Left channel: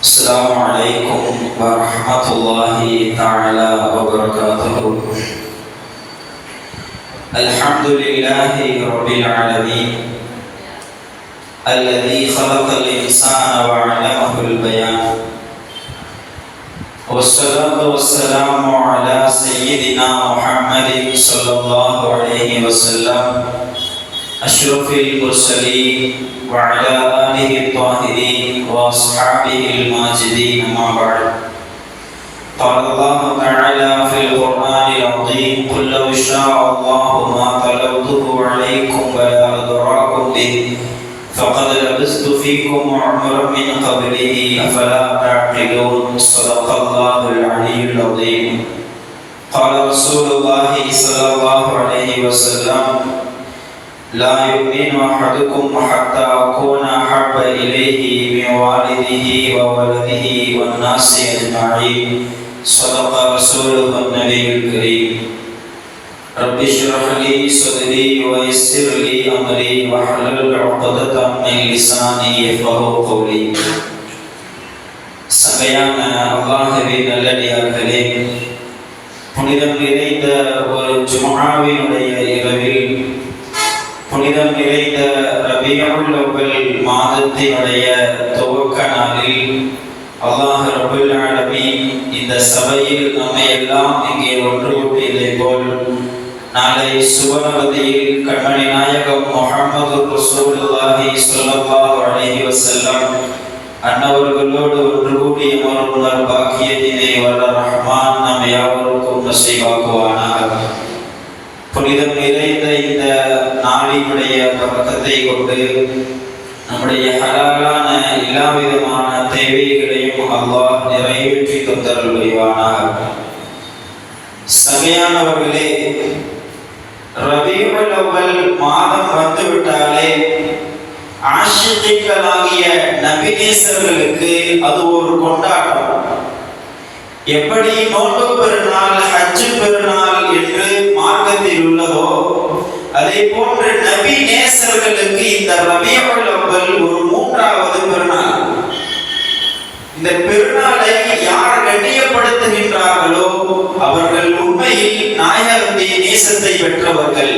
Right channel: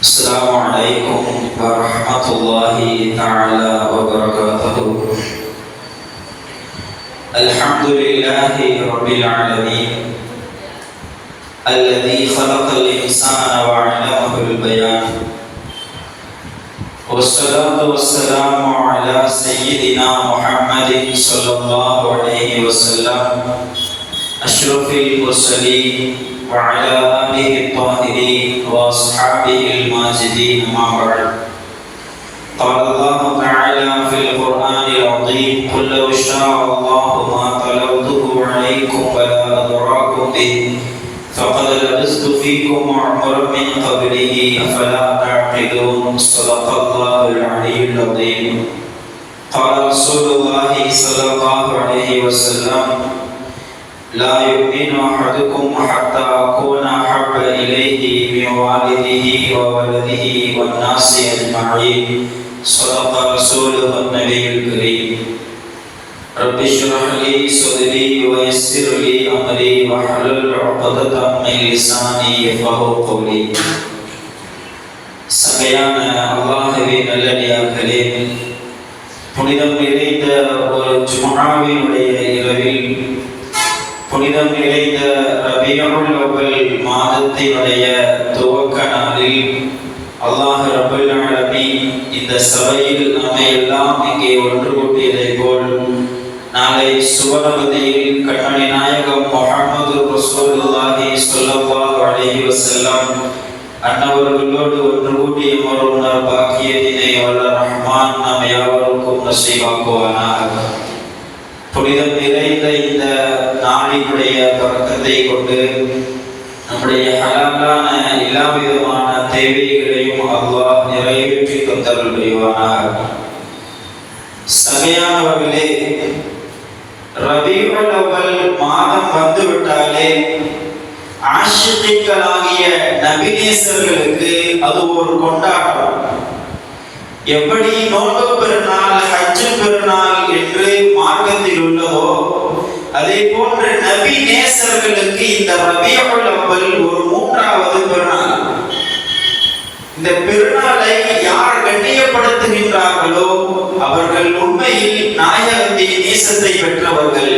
السلام عليكم ورحمة الله تعالى وبركاته. الحمد لله رب العالمين الذي خلق الإنسان وعلمه البيان، والصلاة والسلام على سيدنا محمد صلى الله عليه وسلم أشرف المرسلين وعلى آله الطاهرين وأصحابه الماجدين، أما بعد. قال الله تعالى في القرآن العظيم: قل لو شاء الله ما تلوته عليكم ولا أدراكم به فقد لبثت فيكم عمرا من قبله أفلا تعقلون. صدق الله العلي العظيم. قال رسول الله صلى الله عليه وسلم: لا يؤمن أحدكم حتى أكون أحب إليه من والده وولده والناس أجمعين. صدق رسوله النبي الكريم. رب اشرح لي صدري ويسر لي أمري واحلل عقدة من لساني يفقهوا قولي. சங்கையான அல்லாஹ்வின் நல்லடியார்களே, புனிதம் நிறைந்த ஒரு ஜும்ஆவினுடைய இரவில், புனிதம் நிறைந்த ரபியுல் அவ்வல் மாதத்தினுடைய துவக்க நாளில் அல்லாஹ் ரப்பல் ஆலமீன் இந்த சபையில் நம்மை எல்லாம் இங்கே ஒன்று கூட்டியதை போல் நாளை சுவனபதியில் கண்மணி நாயகம் முஹம்மது ரசூலுல்லாஹி ஸல்லல்லாஹு அலைஹி வஸல்லம் அன்னவர்களோடு ஒன்று கூடி அமர்வுணர் பாக்கியத்தினை வல்ல ரஹ்மான் நம் யாவருக்கும் நசீபாக்குவானாக. புனிதம் நிறைந்த இந்த நாளினுடைய பரக்கத்தை கொண்டு நம்முடைய ஹலாலான எல்லா விதமான தேவைகளையும் அல்லாஹ் நிறைவேற்றி தந்தருள் புரிவானாக. சபையானவர்களே, ரபியுல் அவ்வல் மாதம் வந்துவிட்டாலே ஆஷிகீன்களாகிய நபிநேசர்களுக்கு அது ஒரு கொண்டாட்டம். எப்படி நோன்பு பெருநாள், ஹஜ் பெருநாள் என்று மார்க்கத்தில் உள்ளதோ அதே போன்று நபி நேசர்களுக்கு இந்த ரபியுல் அவ்வல் ஒரு மூன்றாவது பெருநாள். இந்த பெருநாளை யார் கண்ணியப்படுத்துகின்றார்களோ அவர்கள் உண்மையில் நாயகத்தின் நேசத்தை பெற்றவர்கள்.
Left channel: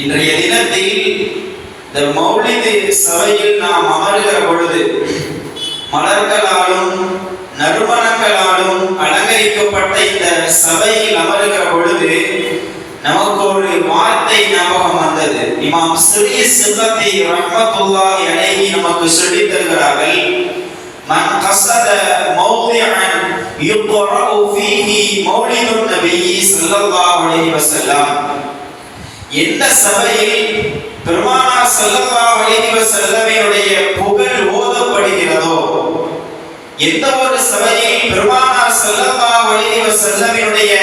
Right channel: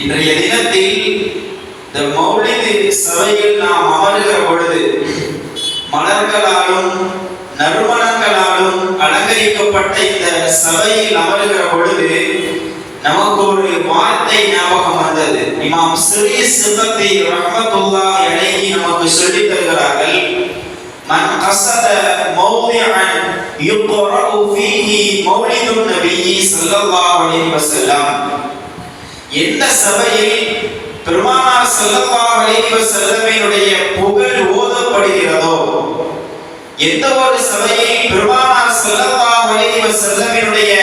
இன்றைய தினத்தில் இந்த மௌலிது சபையில் நாம் அமர்கிற பொழுது மலர்களாலும் நறுமணங்களாலும் அலங்கரிக்கப்பட்ட இந்த சபையில் அமர்கிற பொழுது நமக்கு ஒரு வார்த்தை ஞாபகம் வந்தது. இமாம் சிறீ சிபத்தி ரஹ்மத்துல்லாஹி அலைஹி நமக்கு சொல்லித் தருகிறார்கள்: மன் கஸத மௌதிஅன் யுக்ரஉ ஃபீஹி மௌலிதுன் நபி ஸல்லல்லாஹு அலைஹி வஸல்லம், எந்த சபையில் பெருமானார் ஸல்லல்லாஹு அலைஹி வஸல்லமினுடைய புகழ் ஓதப்படுகிறதோ, எந்த ஒரு சபையில் பெருமானார் ஸல்லல்லாஹு அலைஹி வஸல்லமினுடைய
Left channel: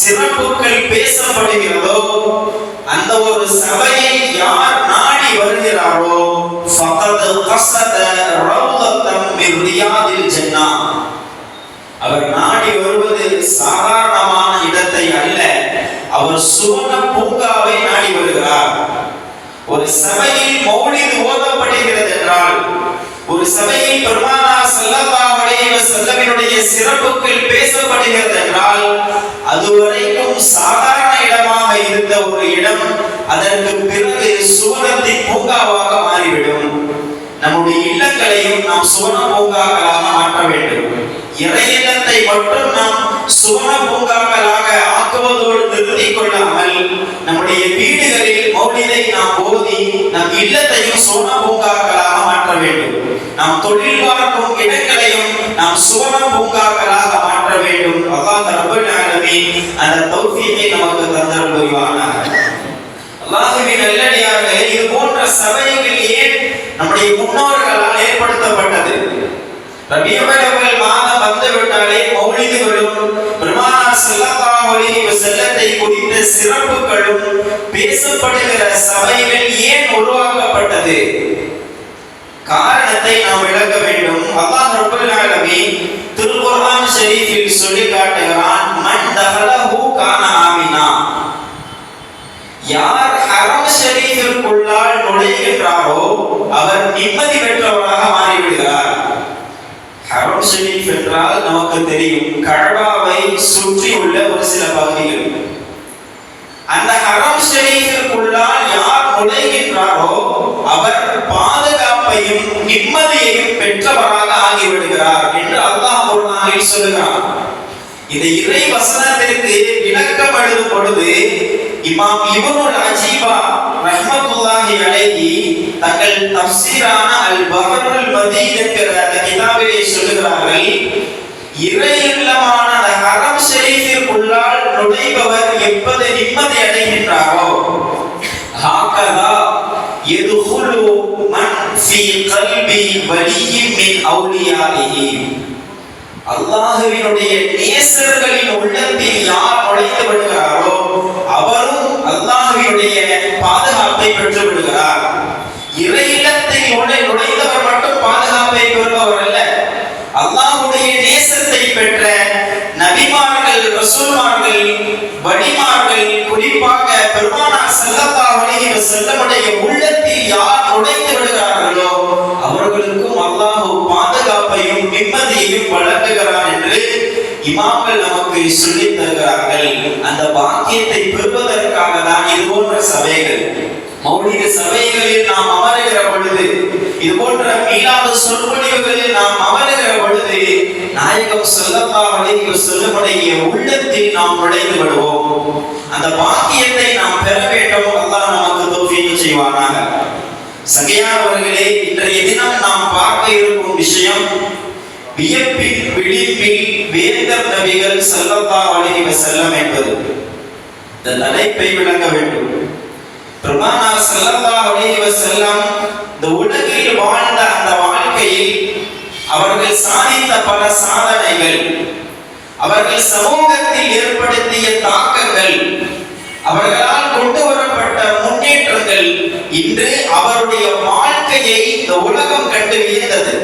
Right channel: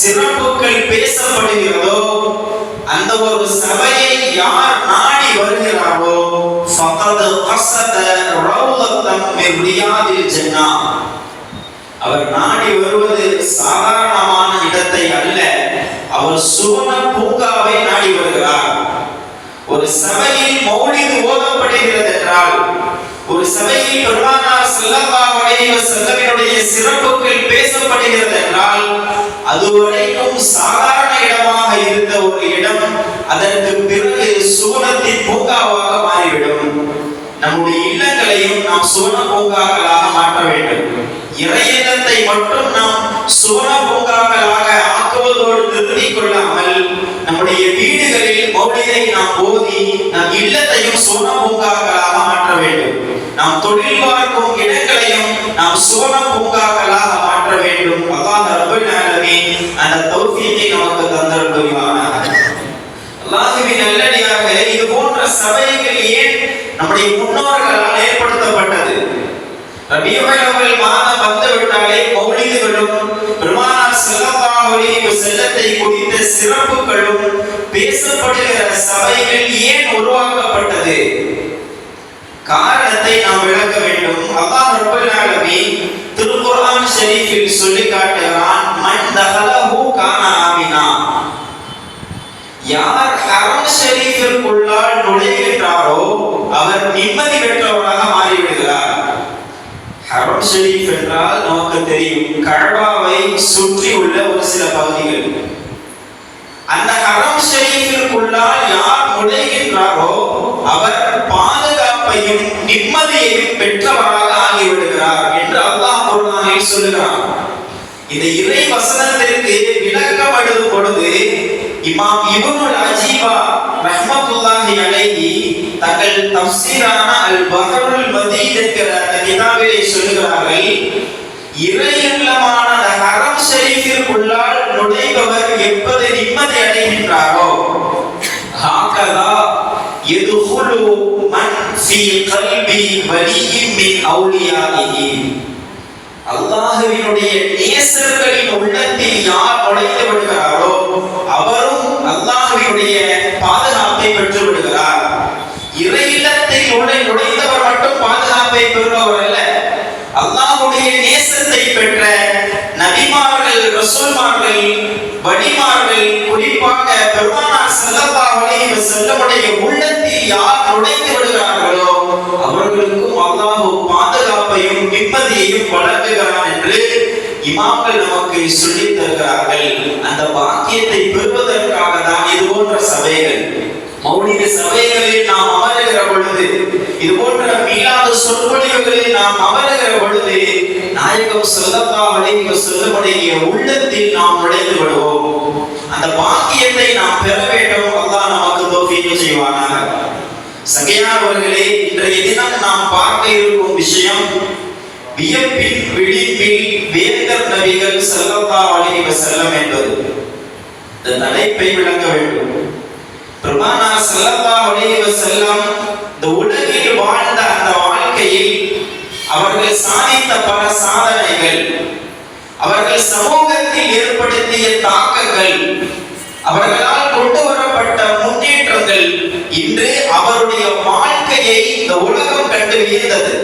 சிறப்புகள் பேசப்படுகிறதோ அந்த ஒரு சபையை யார் நாடி வருகிறாரோ ஃபகத் கஸத ரௌலத்தம் மின் ரியாதில் ஜன்னah, அவர் நாடி வருவது சாதாரணமான இடத்தை அல்ல, அவர் சுவன பூங்காவை நாடி வருகிறார். ஒரு சபையில் மௌலிது ஓதப்படுகிறது என்றால், ஒரு சபையில் பெருமானார் ஸல்லல்லாஹு அலைஹி வஸல்லமினுடைய சிறப்புகள் பேசப்படுகிறது என்றால், அதுவரைக்கும் சாதாரண இடமாக இருந்த ஒரு இடம் அதற்கு பிறகு சுவனத்தின் பூங்காவாக மாறிவிடும். நம்முடைய இல்லங்களையும் நாம் சுவன பூங்காக்களாக மாற்ற வேண்டும். இறையில்லத்தை மட்டும் நாம் சுவன பூங்காக்களாக ஆக்குவதோடு நிறுத்திக் கொள்ளாமல் நம்முடைய வீடுகளில் மௌலிதை நாம் ஓதி நம் இல்லத்தையும் சுவன பூங்காக்களாக மாற்ற வேண்டும். நாம் தொழில் பார்க்கும் இடங்களையும் நாம் சுவன பூங்காக்களாக மாற்ற வேண்டும். அல்லாஹ் ரப்பல் ஆலமீன் அந்த தௌஃபீகை நமக்கு தந்தருள் புரிவானாக. அல்லாஹ்வின் நல்லடியார்களே, இது போன்ற சபைகள் ஏன் நம்முடைய முன்னோர்களால் ஏற்படுத்தப்பட்டது? ரபியுல் அவ்வல் மாதம் வந்துவிட்டாலே மௌலிதுகளும் பெருமானார் ஸல்லல்லாஹு அலைஹி வஸல்லத்தை குறித்த சிறப்புகளும் பேசப்படுகிற சபைகள் ஏன் உருவாக்கப்பட்டது? காரணத்தை நாம் விளக்க வேண்டும். அல்லாஹ் ரப்பல் ஆலமீன் திருக்குர்ஆன் ஷரீஃபில் சொல்லி காட்டுகிறான்: மன் தஹலஹு கான ஆமினா, யார் ஹரம் ஷரீஃபிற்குள்ளால் நுழைகின்றாரோ அவர் நிம்மதி பெற்றவராக மாறிவிடுகிறார். நமக்கு தெரியும், கஅபாவை சுற்றி உள்ள ஒரு சில பகுதிகள். அந்த ஹரம் ஷரீஃபிற்குள்ளால் யார் நுழைகின்றாரோ அவர் பாதுகாப்பையும் நிம்மதியையும் பெற்றவராக ஆகிவிடுகிறார் என்று அல்லாஹ் குர்ஆனில் சொல்லுகிறார். இந்த இறை வசனத்திற்கு விளக்கம் எழுதும் பொழுது இமாம் இப்னுல் அஜீபா ரஹ்மத்துல்லாஹி அலைஹி தங்கள் தஃசீரான அல் பஹருல் மதீத் என்கிற அந்த கிதாபிலே சொல்லுகிறார்கள், இறையில்லமான அந்த ஹரம் ஷரீஃபிற்குள்ளால் நுழைபவர் எப்போது நிம்மதி அடைகின்றாரோ ஹாகதா யதுகுலு மன் ஃபீ கல்பி வலியின் மின் அவுலியாஹி. அல்லாஹ்வினுடைய நேசர்களின் உள்ளத்தில் யார் நுழைந்து விடுகிறாரோ அவரும் அல்லாஹ்வினுடைய பாதுகாப்பை பெற்று விடுகிறார். இறையில்லத்தில் நுழைந்தவர் மட்டும் பாதுகாப்பை பெறுபவர் அல்ல, அல்லாஹ்வுடைய நேசத்தை பெற்ற நபிமார்கள், ரசூல்மார்கள், வலிமார்கள், குறிப்பாக பெருமானார் ஸல்லல்லாஹு அலைஹி வஸல்லமுடைய உள்ளத்தில் யார் நுழைந்து விடுகிறார்களோ அவர்களுக்கும் அல்லாஹ் பாதுகாப்பையும் நிம்மதியையும் வழங்குகிறான் என்று இமாம்கள் நமக்கு சொல்லித் தருகிறார்கள். அந்த பாக்கியத்தை பெறுவதற்காக தான் இது போன்ற சபைகள், மௌலித சபைகளில் நாம் அமருகிற பொழுது, இது போன்ற மீளாத சொற்பொழிவுகளில் நாம் அமருகிற பொழுது நாயகம் ஸல்லல்லாஹு அலைஹி வஸல்லமுடைய உள்ளத்தில் நாம் நுழைந்து விடுவோம். அந்த பாக்கியத்தை நாம் பெற வேண்டும். அல்லாஹ் நமக்கு தௌஃபீக் செய்வானாக. சகையானவர்களே, இன்றைய தினம் நாம் பார்க்க இருக்கும் விஷயம் வியப்பின் விழிப்பில் வேந்தர் நபிகள் ஸல்லல்லாஹு அலைஹி வஸல்லம் என்பது. இந்த தலைப்பை விளங்க வேண்டும். பெருமானார் ஸல்லல்லாஹு அலைஹி வஸல்லம் இந்த உலகில் வாழ்ந்த அந்த வாழ்க்கையில் அவர்கள் சாதித்த பல சாதனைகள், அவர்கள் சமூகத்தில் ஏற்படுத்திய தாக்கங்கள், அவர்களால் கொண்டு வரப்பட்ட முன்னேற்றங்கள் இன்று அவருடைய வாழ்க்கையை இந்த உலகம் கண்டு வியந்தது.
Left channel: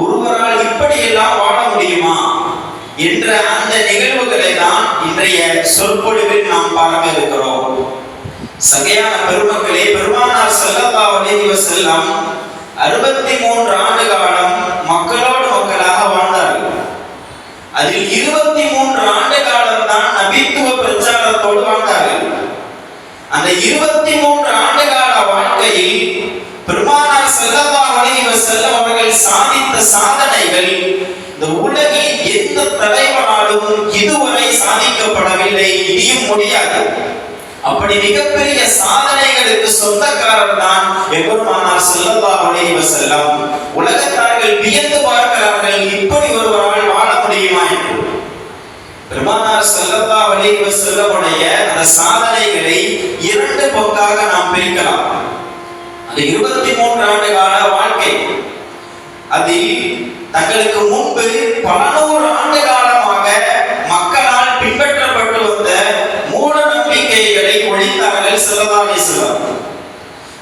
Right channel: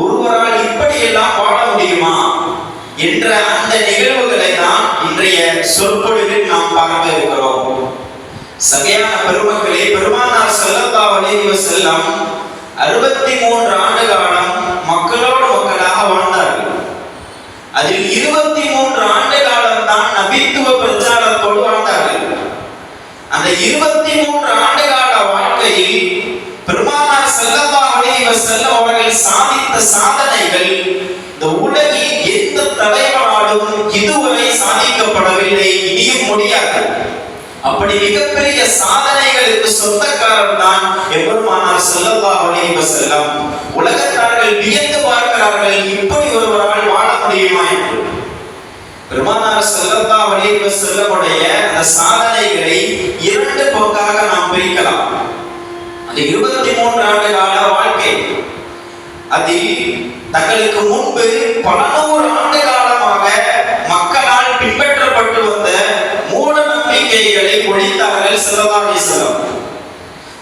ஒருவரால் இப்படியெல்லாம் வாழ முடியுமா என்ற அந்த நிகழ்வுகளை தான் இன்றைய சொற்பொழிவில் நாம் பார்க்க இருக்கிறோம். சகையான பெருமக்களே, பெருமானார் ஸல்லல்லாஹு அலைஹி வஸல்லம் 63 ஆண்டு காலம் மக்களோடு மக்களாக வாழ்ந்தார்கள். அதில் 23 ஆண்டு காலம் தான் நபித்துவ பிரச்சாரத்தோடு வாழ்ந்தார்கள். அந்த 23 ஆண்டு கால வாழ்க்கையில் பெருமானார் ஸல்லல்லாஹு அலைஹி வஸல்லம் அவர்கள் சாதித்த சாதனைகள் இந்த உலகில் எந்த தலைவராலும் இதுவரை சாதிக்கப்படவில்லை, இனியும் முடியாது. அப்படி மிகப்பெரிய சாதனைகளுக்கு சொந்தக்காரர் தான் பெருமானார் ஸல்லல்லாஹு அலைஹி வஸல்லம். உலகத்தார்கள் வியந்து பார்க்கிறார்கள், இப்படி ஒருவரால் வாழ முடியுமா என்று. பெருமானார் ஸல்லல்லாஹு அலைஹி வஸல்லமுடைய அந்த சாதனைகளை 2 பங்காக நாம் பிரிக்கலாம். அந்த 23 ஆண்டு கால வாழ்க்கை, அதில் தங்களுக்கு முன்பு பல நூறு ஆண்டு காலமாக மக்களால் பின்பற்றப்பட்டு வந்த மூட நம்பிக்கைகளை ஒழித்தார்கள் ஸல்லல்லாஹு அலைஹி வஸல்லம்.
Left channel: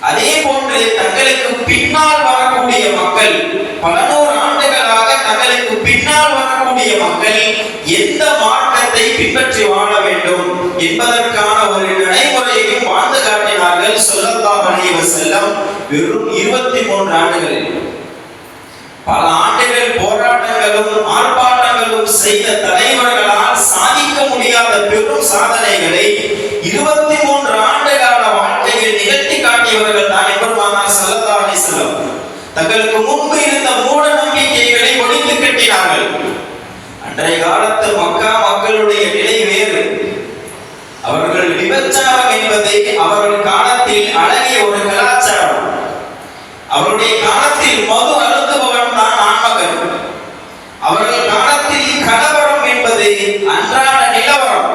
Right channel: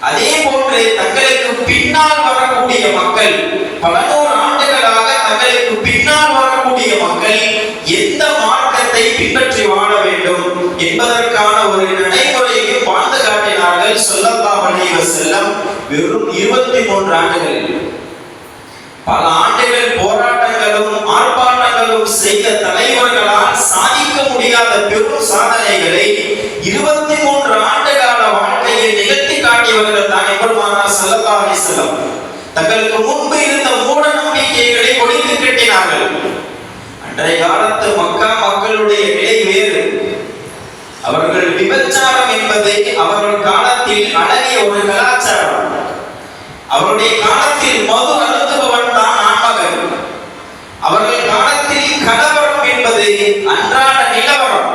அதே போன்று தங்களுக்கு பின்னால் வரக்கூடிய மக்கள், பல நூறு ஆண்டுகளாக தங்களுக்கு பின்னால் வரக்கூடிய மக்கள் எந்த மார்க்கத்தை பின்பற்றி வாழ வேண்டும் என்பதற்கான ஒரு நடைமுறையையும் வாழ்ந்து காட்டினார்கள் ஸல்லல்லாஹு அலைஹி வஸல்லம். வெறும் 23 ஆண்டுகளில் பல ஆண்டுகள் போராட்டங்களும் ஆர்ப்பாட்டங்களும் செய்த தலைவர்களால் சாதிக்க முடியாத பெரும் சாதனைகளை 23 ஆண்டு கால வாழ்க்கையில் நிகழ்த்தி காட்டியவர்கள் தான் பெருமானார் ஸல்லல்லாஹு அலைஹி வஸல்லம். தங்களுக்கு முன்பு இருந்த மூட நம்பிக்கைகளை ஒழித்து கட்டினார்கள். அன்றைய காலத்து மக்கா மக்களுடைய நிலை வேறு. அவர்கள் விபச்சாரம் என்பது அவர்கள் காலத்தில் அழகிய ஒரு கலாச்சாரம். அவருடைய காலத்தில் மது அருந்துபவன் தான் ஆண்மகன். அவர்கள் காலத்தில் கலவரம் என்பது அன்றாட நிலவரம்.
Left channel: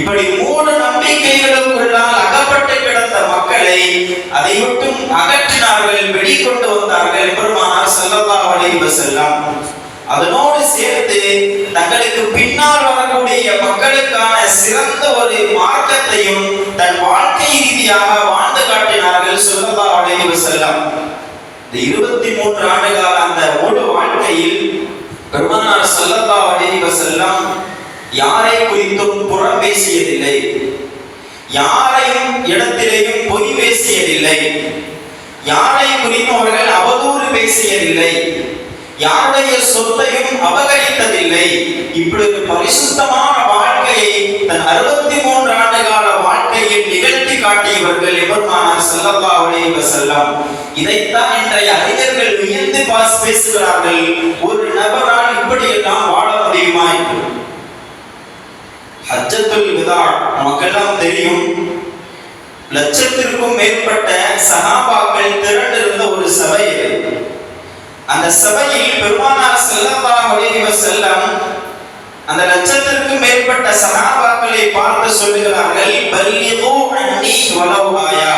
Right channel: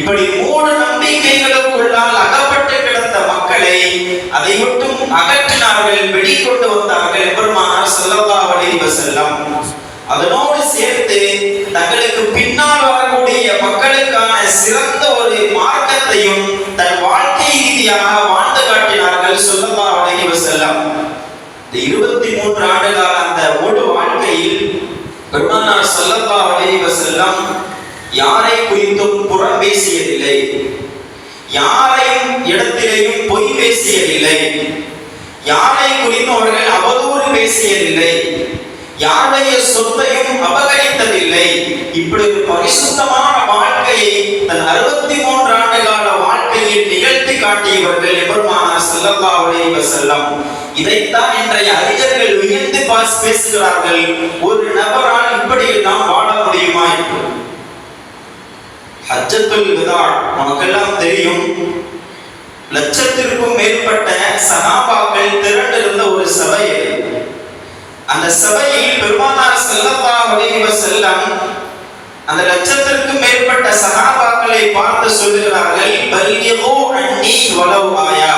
இப்படி மூட நம்பிக்கைகளுக்குள்ளால் அகப்பட்டு கிடந்த மக்களை அதை மட்டும் அகற்றினார்கள், வெளிக்கொண்டு வந்தார்கள் பெருமானார் ஸல்லல்லாஹு அலைஹி வஸல்லம். அதனோடு சேர்த்து தங்களுக்கு பின்னால் வரக்கூடிய மக்களுக்கான சிறந்த ஒரு மார்க்கத்தையும் தன் வாழ்க்கை ரீதியாக வாழ்ந்து காட்டினார்கள் ஸல்லல்லாஹு அலைஹி வஸல்லம். இந்த 23 ஆண்டு கால அந்த முழு வாழ்க்கையில் பெருமானார் ஸல்லல்லாஹு அலைஹி வஸல்லம் யாரை குறித்தும் புறம் பேசியதில்லை, யாரையும் இடத்திலேயும் பொய் பேசியதில்லை, யாரை குறித்தும் அவர்கள் அவதூறு பேசியதில்லை, யாருடைய சொத்தையும் அபகரித்ததில்லை. இப்படி ஒரு பரிசுத்தமான வாழ்க்கையை தன் 63 ஆண்டு கால வாழ்க்கையில் நிகழ்த்தி காட்டியவர்கள் எபெருமானார் ஸல்லல்லாஹு அலைஹி வஸல்லம். இதைத்தான் இன்றைய அறிஞர்கள் வியந்து பேசுகிறார்கள், ஒரு நபரால் இப்படி எல்லாம் வாழ முடியுமா என்று. ஹஜ்ஜத்துல் விதா நமக்கெல்லாம் தெரியும். லட்சத்திற்கும் மேற்பட்ட சஹாபாக்கள் திரண்டிருந்த ஒரு சபை. அந்த சபையில் பெருமானார் ஸல்லல்லாஹு அலைஹி வஸல்லம் அந்த லட்சத்திற்கும் மேற்பட்ட சஹாபாக்களை பார்த்து சொல்கிறார்கள், பல்லிகு அன்னி வலவ் ஆயா.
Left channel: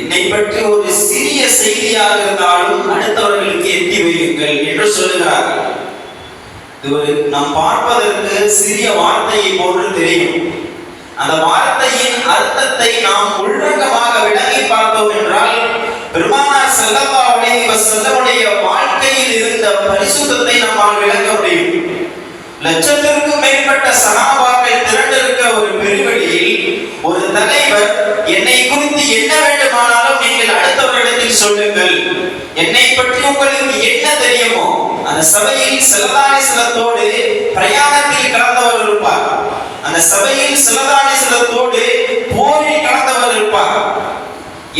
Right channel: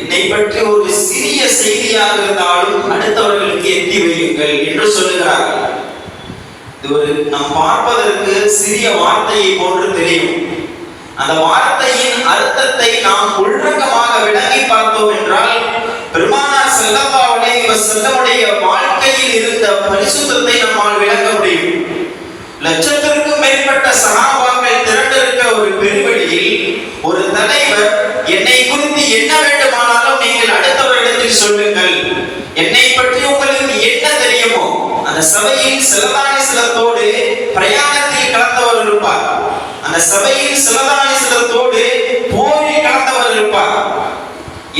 என்னை பற்றி ஒரு சிறிய செய்தியாக இருந்தாலும் அடுத்தவர்களுக்கு எத்தி வையுங்கள் என்று சொல்லுகிறார்கள். இது ஒரு நாம் பார்ப்பதற்கு சிறிய வார்த்தையை போன்று தெரியும். அந்த வார்த்தையின் அர்த்தத்தை நாம் உள்ரங்கமாக விளங்கி பார்த்தோம் என்றால் பெருமானார் ஸல்லல்லாஹு அலைஹி வஸல்லமுடைய வாழ்க்கையில் இருந்த பரிசுத்தத்தை நம்மால் விளங்க முடியும். லட்சத்திற்கும் மேற்பட்ட சஹாபாக்கள் திரண்டிருக்கிற ஒரு பெருவெளியில் ஒரு தலைவர், என்னை குறித்து என்ன வேண்டுமானாலும் நீங்கள் அடுத்தவர்களிடத்தில் சொல்லுங்கள், என்னை பற்றி உங்களுக்கு என்ன தெரியுமோ. அந்த சபையில் சிலதானிசலத்தோடு பிரயாணத்தில் கலந்தவர் இருப்பார். அந்த சபையில் சிலதானிசலத்தோடு போரில் கலந்தவர் இருப்பார்.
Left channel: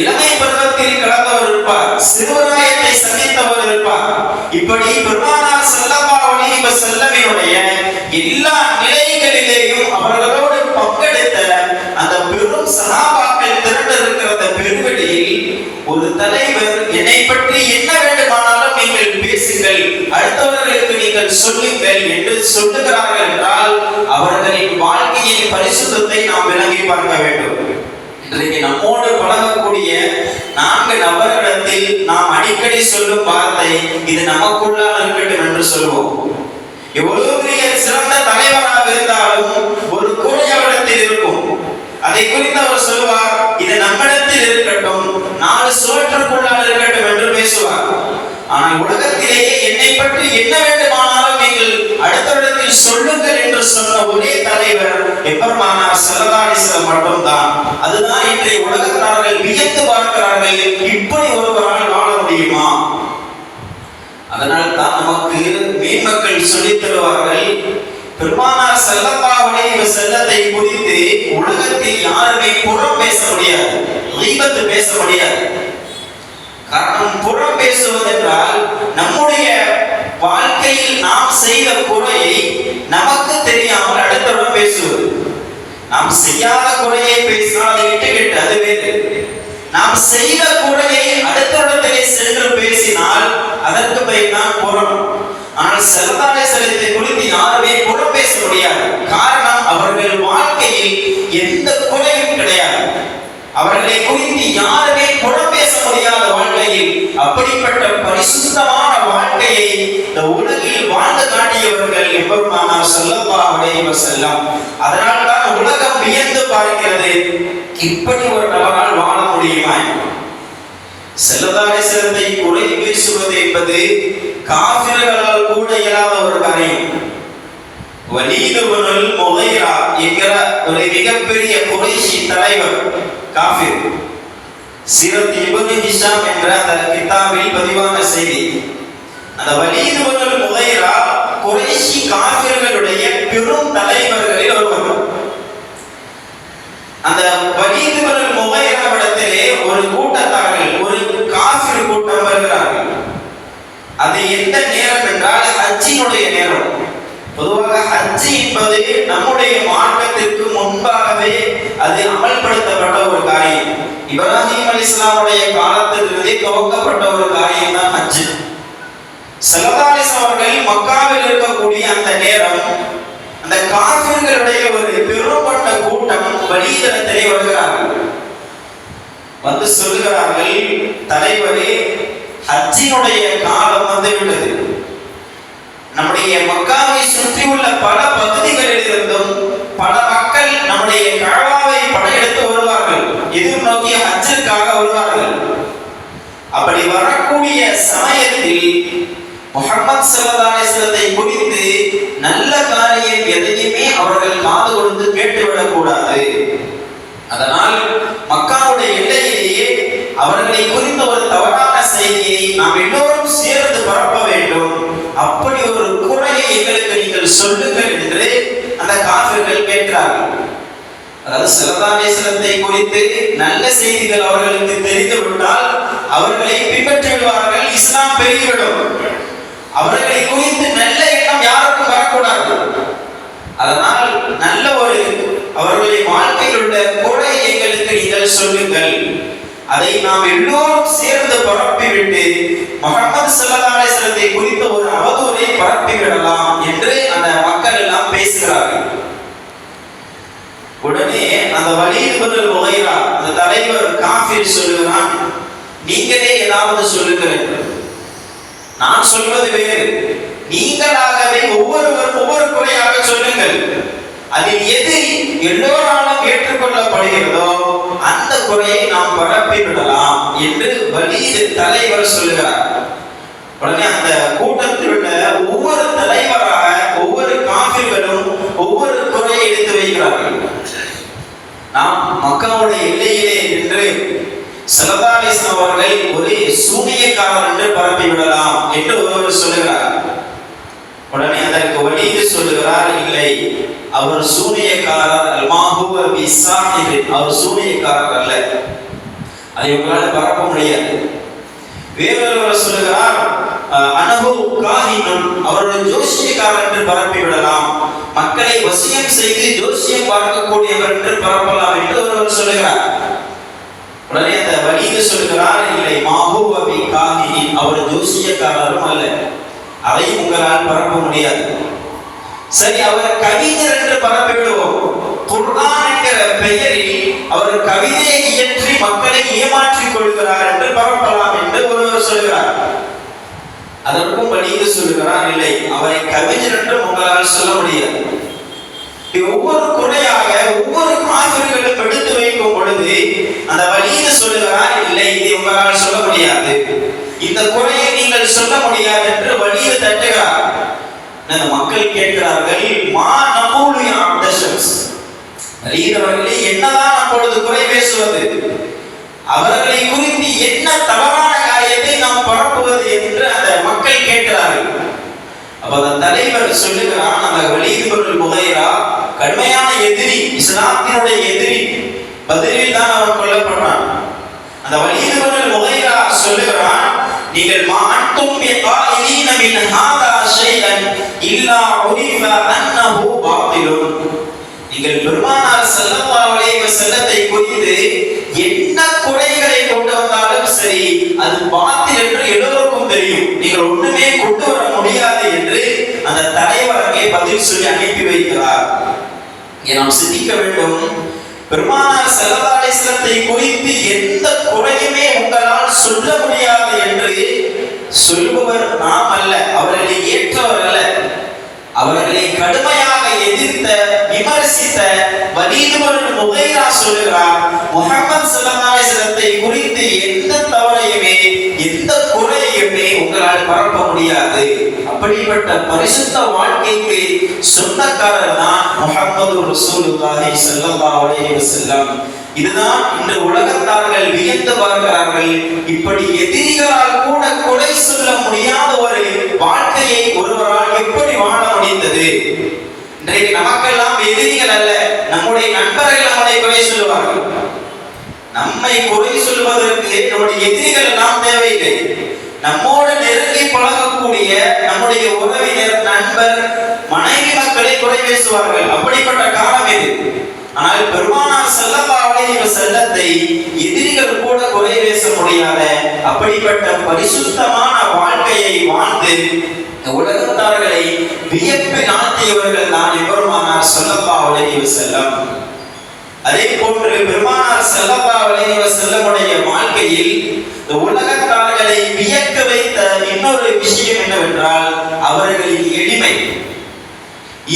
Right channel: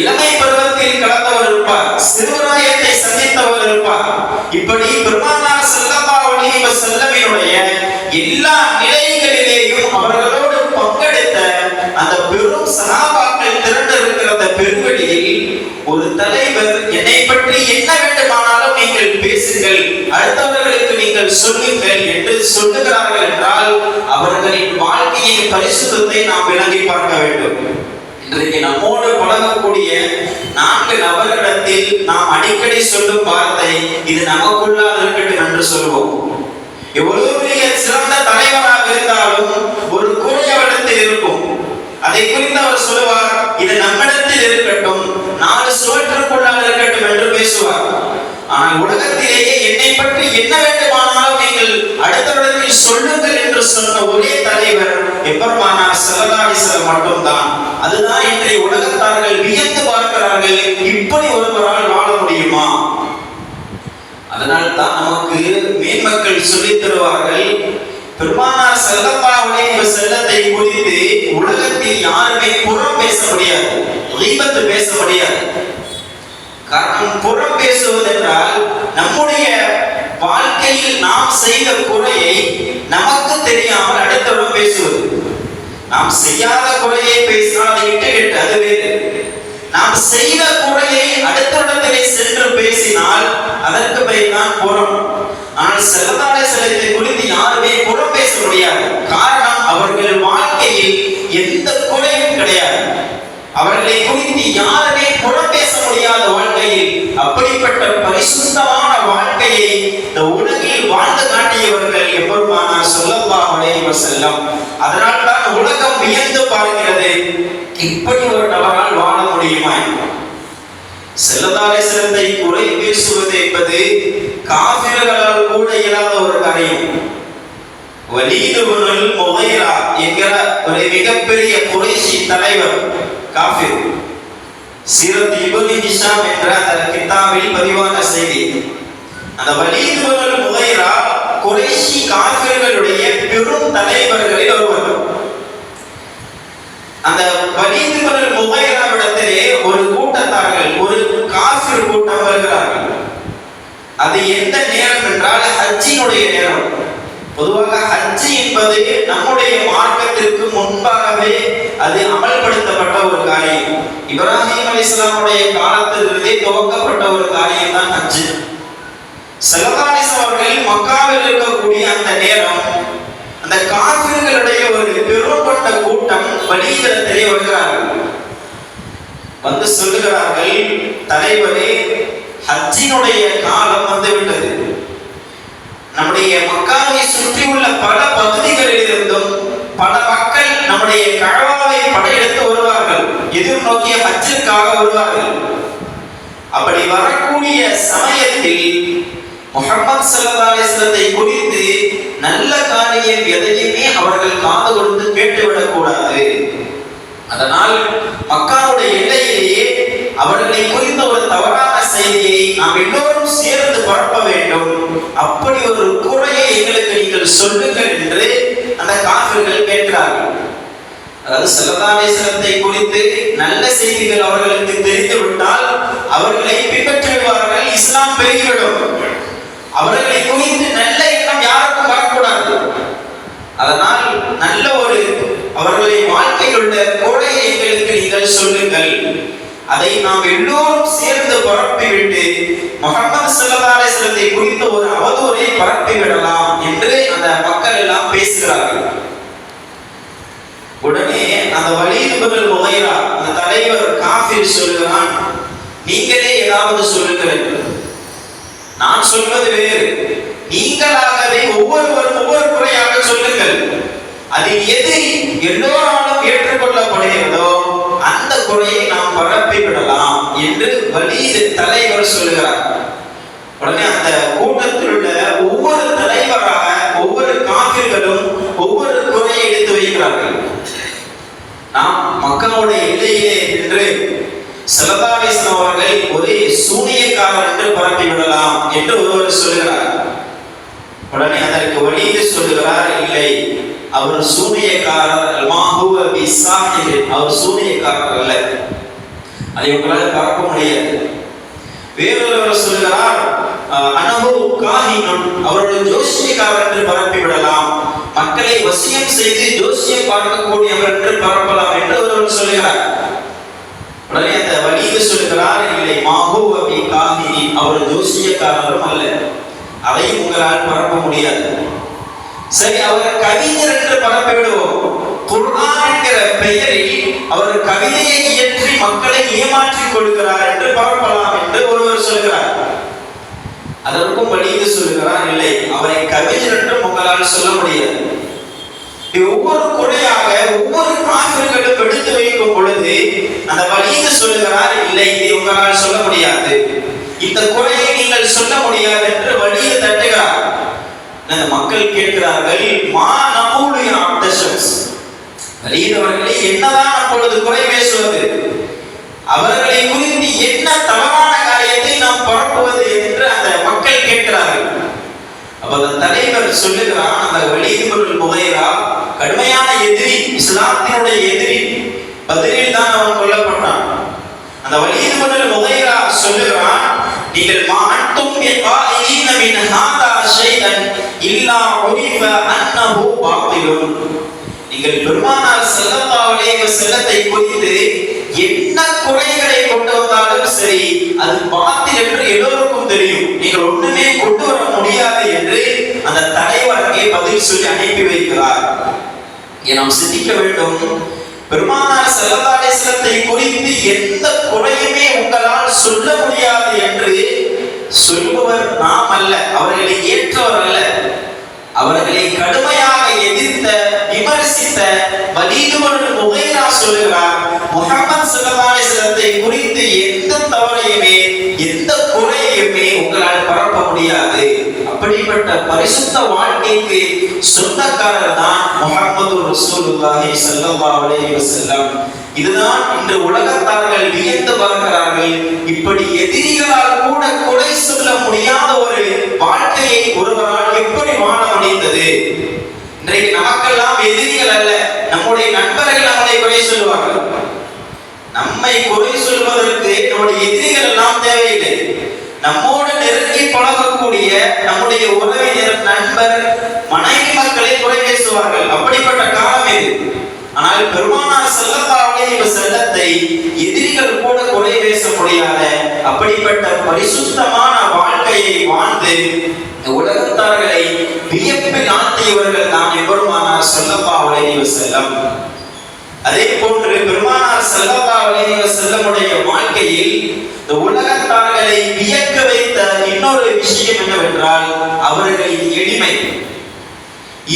இளமை பருவத்தில் கலந்தவர் இருப்பார். சிறுவராயத்தை சந்தித்தவர் இருப்பார். இப்படி பெருமானார் ஸல்லல்லாஹு அலைஹி வஸல்லமினுடைய எல்லா நிலைகளிலேயும் அவர்களோடு பங்கெடுத்த அந்த பெரும் சஹாபாக்கள் திரண்டு இருக்கிற அந்த பெருவெளியில் ஒரு தலைவர், என்னை பற்றி என்ன வேண்டுமானாலும் நீங்கள் பேசுங்கள், அடுத்தவர்களுக்கு நீங்கள் சொல்லுங்கள் என்று சொல்லுகிறார்கள் என்றால் அவர்களின் வாழ்க்கையின் பரிசுத்தத்தை நாம் விளங்கி பார்க்க வேண்டும். இன்றைக்கு நம்மோடு பழகக்கூடிய 4 நபர்களிடத்தில் நாம் அடிக்கடி சொல்லும் வார்த்தை, இது நமக்குள்ளாக இருக்கட்டும் என்று சொல்வோம். எவ்வளவு பெரிய சிறந்த தலைவராக இருந்தாலும் ஒரு குறையவரிடத்தில் இருக்கும். அதை குறித்து அவர் சொல்லுவார், இது நம்மிடத்தில் இருக்கட்டும், 4 சுவற்றுக்குள்ளாக இருக்கட்டும் என்று பேசுவார். ஆனால் உலகத்திலேயே என்னை பற்றி என்ன வேண்டுமானாலும் நீங்கள் அடுத்தவரிடத்தில் சொல்லுங்கள் என்று சொன்ன ஒரே தலைவர் எபெருமானார் ஸல்லல்லாஹு அலைஹி வஸல்லம் மட்டும்தான். அதுதான் இன்றைய உலகத்தார்கள் வியந்து பார்க்கிறார்கள், இப்படி ஒருவரால் வாழ முடியுமா. அதனால் தான் நமக்கு மேன்மக்கள் சொல்லித் தருவார்கள், பெருமானார் ஸல்லல்லாஹு அலைஹி வஸல்லத்தை குறித்து உலகத்தில் யாருமே புறம் பேச முடியாது, கீபத் பேச முடியாது. காரணம், புறம் பேசுவதென்றால் நம்முடைய வாழ்க்கையில் நாம் செய்த குறையை நமக்கு தெரியாமல் அடுத்தவரிடம் பேசுவது. நாம் செய்யாத குறையை பேசினால் விட்டுவிட்டு அது வேறு. நாம் செய்த குறையை அடுத்தவரிடத்திலே சென்று பேசினால் அதற்கு பெயர் தான் புறம். ஆனால் ஸல்லல்லாஹு அலைஹி வஸல்லத்தை குறித்து யாருமே புறம் பேச முடியாது. காரணம், அவர்கள் வாழ்க்கையில் எந்த குறையும் கிடையாது. அவர்களை குறித்து யாருமே புறம் பேச முடியாத வாழ்க்கையில் அப்படிப்பட்ட பரிசுத்தமான வாழ்க்கையை இந்த உலகில் வாழ்ந்து காட்டியவர்கள் எபெருமானார் ஸல்லல்லாஹு அலைஹி வஸல்லம். அதனால் தான் உலகம் வியந்து பார்க்கிறது, இப்படி ஒரு நபரால் வாழ முடியுமா. ஸல்லல்லாஹு அலைஹி வஸல்லத்தை குறை பேசுவது என்பது காஃபிர்களால் கூட இயலாத ஒரு காரியம். வலீத் இப்னுல் முகைரா என்கிற ஒரு மிகப்பெரிய குறைஷி தலைவர், காஃபிர். சீரத் இப்னு ஹிஷாம் என்ற அந்த கிதாபில் பதிவான செய்தி. அந்த வலீத் இப்னுல் முகைரா குறைஷி காஃபிர்களுடைய பெரும் தலைவர்களில் ஒருவர். அந்த வலீத் இப்னுல் முகைராவிடத்திலே ஒரு கூட்டத்தார்கள், ஒரு காஃபிர் கூட்டம் வருகிறார்கள். அது எந்த நேரம் என்றால் ஹஜ்ஜினுடைய நேரம். பொதுவாக ஹஜ் என்பது நம்முடைய மார்க்கத்திற்கு முன்பாகவே அது அமல்படுத்தப்பட்ட ஒரு காரியம். இப்ராஹிம் அலைஹிஸ்ஸலாமுடைய காலத்திலிருந்தே துவக்கப்பட்ட ஒரு காரியம் தான் ஹஜ். ஸல்லல்லாஹு அலைஹி வஸல்லம் அவர்கள் மக்காவில் இருக்கக்கூடிய அந்த நேரம் அந்த காஃபிர்களுடைய ஒரு பெரும்பட்ட கூட்டம் வழியிடத்திலே வருகிறார்கள். வந்து சொல்லுகிறார்கள், தலைவரே, ஹஜ்ஜினுடைய காலம் வந்துவிட்டது. நம்முடைய மக்காவை சுற்றியுள்ள பல பகுதிகளில் இருந்தும் பல மக்கள் நம்முடைய கஅபாவை படையெடுத்து வருவார்கள், எதிர்நோக்கிய ஹஜ்ஜிற்காக வருவார்கள். அப்படி வரக்கூடிய சமயத்தில் முஹம்மது ஸல்லல்லாஹு அலைஹி வஸல்லத்தை குறித்து நல்ல காரியம் எதையுமே அவர்கள் காது கொடுத்து கேட்டுவிடக் கூடாது. அதனால் மக்காவுடைய எல்லையிலேயே அவர்களை குறித்த ஒரு தவறான செய்தியை நாம் எல்லோரும் சேர்ந்து பரப்ப வேண்டும். அப்படி ஒரு குறையை எங்களுக்கு நீங்கள் சொல்லுங்கள் என்று அந்த காஃபிர்கள் கேட்கிறார்கள். அதாவது ஸல்லல்லாஹு அலைஹி வஸல்லம் குறித்து நல்ல செய்திகள் அவர்களுக்கு தெரிந்துவிட்டால் அவர்களை பின்பற்றிடுவார்கள், இஸ்லாம் பெருகிவிடும். அவர்களை குறித்து நல்ல எண்ணம் யாருக்கும் வரக்கூடாது. அதனால் நல்ல ஒரு அவர்களுடைய வாழ்க்கையில் உள்ள குறையை எங்களுக்கு நீங்கள் சொல்லுங்கள், அதை நாம் எல்லோரும் சேர்ந்து பரப்பிவிட்டு முஹம்மது ஸல்லல்லாஹு அலைஹி வஸல்லம் குறித்த ஒரு அவதூறை பரப்பிவிடலாம் என்று அந்த மக்கள் எல்லாம் பேசுகிறார்கள். உடனே அந்த வலீத் இப்னு முகைரா அந்த தலைவர் காஃபிர் சொல்லுகிறான், நீங்களே ஏதாவது சொல்லுங்கள், நான் சொல்வது வேறு, நீங்களாகவே ஒவ்வொருவரும் ஒவ்வொரு குறையாக சொல்லுங்கள், அதில் எது எல்லோராலும் ஏற்றுக்கொள்ளப்படுகிறதோ அந்த குறையை நாம் பரப்பி விடலாம் என்று வலீத் தலைவர் சொல்லுகிறார். உடனே அந்த கூட்டத்தில் உள்ள ஒவ்வொரு தலைவராக ஒவ்வொரு காஃபிர்களும் ஒவ்வொரு குறையை எடுத்து வைக்கிறார்கள். நாம் மக்காவுடைய எல்லையிலே என்று ஸல்லல்லாஹு அலைஹி வஸல்லம் அவர்கள் ஒரு சூனியக்காரர் என்று பரப்பி விடலாம் என்று ஒருவர் சொல்லுகிறார். உடனே அதற்கு வலீத் சொல்லுகிறார், இல்லை, அவர் சூனியக்காரர் அல்மாஹுவ பிஸாஹிர், அவர் சூனியக்காரர் அல்ல, அதை உங்களால் பரப்ப முடியாது. வேறொருவர் சொல்லுகிறார், அனஹு காஹினுன், அவருடைய ஜோசியக்காரர் என்று பரப்பி விடலாம், மக்களை வசியம் செய்து ஜோசியம் பார்க்கக்கூடியவர் என்று பரப்பலாம் என்று ஒருவர் சொல்லுகிறார். உடனே அந்த வலீத் சொல்லுகிறார், இல்லை, மாஹுவ பிகாஹின், அவர் ஜோசியக்காரரும் அல்ல, அதை உங்களால் பரப்ப முடியாது. சரி, அவர் கவிஞர் என்று பரப்பி விடுவோம், குர்ஆன் என்கிற பெயரில் அவர் கவிதையை இயற்றி மக்களை ஏமாற்றிக் கொள்கிறார் என்று பரப்பலாம் என்று ஒருவர் சொல்கிறார். அதற்கும் வலீத் சொல்லுகிறார், இல்லை, அவரை கவிஞர் என்று உங்களால் சொல்ல முடியாது. ஒவ்வொரு குறையாக ஒவ்வொரு காஃபிர்களும் எடுத்து வைக்கும் பொழுது அந்த வலீத் சொல்லுகிறார், இல்லை, இதை உங்களால் சொல்ல முடியாது, இந்த குறையை நீங்கள் சொல்ல முடியாது என்று வலீத் தட்டுகிறார். மக்கள் கேட்கிறார்கள், மா நகூலு யா அப்தஷம்ஸ், வலீத் அவர்களே, என்னதான் அப்பொழுது குறை பேசுவது, அவர்களை குறித்து என்ன தவறான காரியத்தை நாம் பரப்புவது என்று அந்த மக்கள் கேட்கிறார்கள். அப்ப அந்த தலைவர் சொல்லுகிறான், அந்த வலீத் இப்னு முகைரா கடுமையான எதிரி, இஸ்லாத்தினுடைய எதிரி, பதிலில் தான் அவன் கொல்லப்பட்டான். அந்த வலீத் இப்னு முகைரா சொல்லுகிறான், நீங்கள் மாஅன்தும் பிகாயின மின் ஹாதா ஷைஅன் இல்லா உரிஃப அன்னஹு பாத்திலுன், நீங்கள் பெருமானார் ஸல்லல்லாஹு அலைஹி வஸல்லம் குறித்து என்ன குறைகளை கொண்டு வந்தாலும் சரி, அது பாத்தில் என்று எல்லோருக்கும் தெரியும், நீங்கள் ஒண்ணுமே கொண்டு வர முடியாது என்று அந்த தலைவர் அங்கே பதில் சொல்லி அனுப்பி வைக்கிறார். நாம் சிந்திக்க வேண்டும், பெருமானார் ஸல்லல்லாஹு அலைஹி வஸல்லம் குறித்து எந்த குறையுமே உங்களால் சொல்ல முடியாது என்று சொல்பவர் நாம் அல்ல, அவர்களை ஏற்றவர் அல்ல, அவர்களை கடுமையாக எதிர்த்த விமர்சித்த வலீத் இப்னு முகைரா சொல்லுகிறார், முஹம்மது ஸல்லல்லாஹு அலைஹி வஸல்லம் குறித்து எந்த தவறையுமே எந்த குறையுமே உங்களால் பரப்ப முடியாது. அப்படிப்பட்ட பரிசுத்த வாழ்க்கைக்கு சொந்தக்காரர் தான் முஹம்மது ரசூலுல்லாஹி ஸல்லல்லாஹு அலைஹி வஸல்லம். இதுதான் இன்று உலகத்தார்கள் வியந்து வருகிறார்கள். இப்படி எதிரிகளால் கூட குறை சொல்ல முடியாத ஒரு வாழ்க்கையை ஒருவரால் எப்படி வாழ முடிந்தது? இன்றைக்கு நமக்கெல்லாம் எதிரிகள் அல்ல, நம்முடைய நண்பர்கள் நம்மை குறை சொல்வார்கள். நம்மை குறை சொல்வதற்கு நம்முடைய எதிரிகள் எல்லாம் தேவையில்லை. நம்மோடு நெருங்கி பழகக்கூடிய நம்முடைய உறவினர், நண்பர், மனைவி மக்களை குறை பேசுவார்கள். அப்படிப்பட்ட காலம் இது. ஆனால் பெருமானார் ஸல்லல்லாஹு அலைஹி வஸல்லம் எதிரிகள் கூட குறை பேச முடியாத அப்படிப்பட்ட பரிசுத்தமான வாழ்க்கையை வாழ்ந்து உலகத்தார்களை வியப்பில் ஆழ்த்தியவர்கள் தான் பெருமானார் ஸல்லல்லாஹு அலைஹி வஸல்லம். அதே போன்று பெருமானார் ஸல்லல்லாஹு அலைஹி வஸல்லமுடைய வாழ்க்கையில் உலகத்தார்களை வியக்க வைத்த இன்னொரு விஷயம் என்னவென்றால் அவர்களின் எளிமை.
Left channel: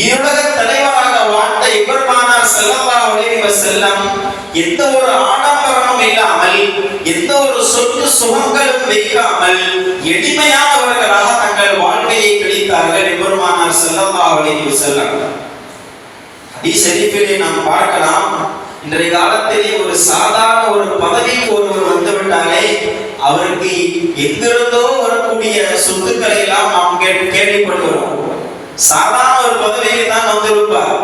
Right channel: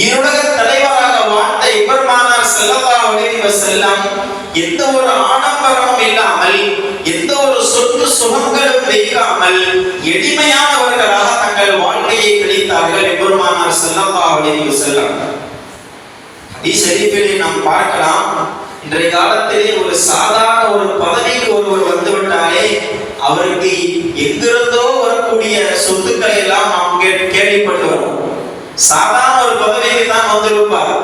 இருளக தலைவராக வாழ்ந்த பெருமானார் ஸல்லல்லாஹு அலைஹி வஸல்லம் எந்த ஒரு ஆடம்பரமும் இல்லாமல் எந்த ஒரு சொத்து சுகங்களும் வைக்காமல் எளிமையானவர்களாக தங்கள் வாழ்க்கையை கழித்தார்கள் பெருமானார் ஸல்லல்லாஹு அலைஹி வஸல்லம். ஹதீஸ் ஷரீஃபிலே நாம் பார்க்கலாம், இன்றைய காலத்திலே ஒரு சாதாரண ஒரு பதவிக்கு ஒருவர் வந்துவிட்டாலே அவருக்கு எங்கிருந்தோ வரக்கூடிய சொத்துக்களை எல்லாம் நாம் கேள்விப்பட்டுகிறோம். சாதாரண ஒரு பதவிக்கு தான் வந்திருப்பார்,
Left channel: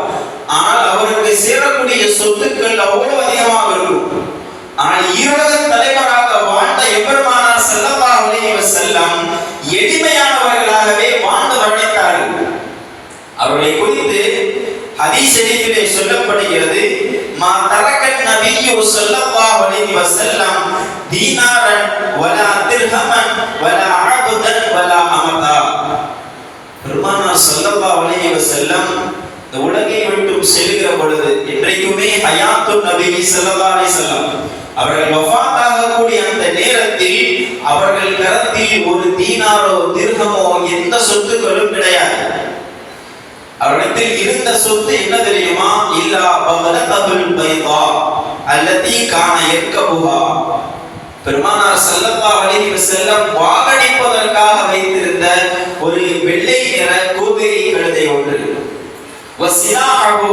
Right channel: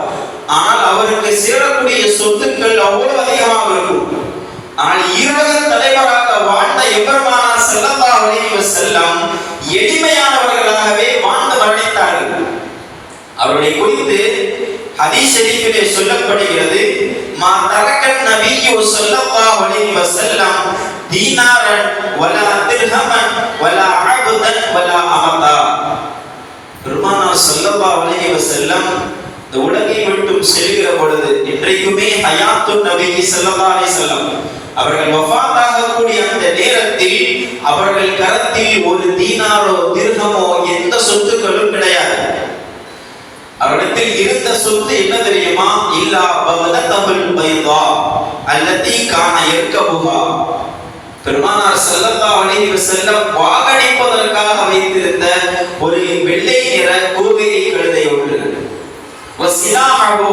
ஆனால் அவருக்கு சேரக்கூடிய சொத்துக்கள் அவ்வளவு அதிகமாக இருக்கும். ஆனால் ஈரோக தலைவராக வாழ்ந்த எம்பெருமானார் ஸல்லல்லாஹு அலைஹி வஸல்லம் எளிமையானவர்களாகவே வாழ்ந்து மரணித்தார்கள். அவர்களை குறித்து ஹதீஸ் ஷரீஃபிலே சொல்லப்படுகிறது, மா தரக்கன் நபியு ஸல்லல்லாஹு அலைஹி வஸல்லம் தீனாரன் வலா திர்ஹமன் வலா அப்தன் வலா அமதா. பெருமானார் ஸல்லல்லாஹு அலைஹி வஸல்லம் இந்த உலகை விட்டு செல்கிற பொழுது இன்றைக்குமே ஹயாத்துன் நபி ஸல்லல்லாஹு அலைஹி வஸல்லம் அவர்கள் வஃபாத் ஆகக்கூடிய அந்த நேரத்தில் அவர்கள் கரத்தில் ஒரு தீனாரோ திர்ஹமோ எந்த சொத்துக்களும் கிடையாது. அவரிடத்தில் இருந்த சொத்து என்ன தெரியுமா? இல்லா பகதத்துல் பைதா அல்லதி கான யர்கபுஹா. பெருமானார் ஸல்லல்லாஹு அலைஹி வஸல்லம் வாகடிப்பதற்காக வைத்திருந்த ஒரு வெள்ளை நிற குதிரை கழுதை ஒன்று. வசிலாஹு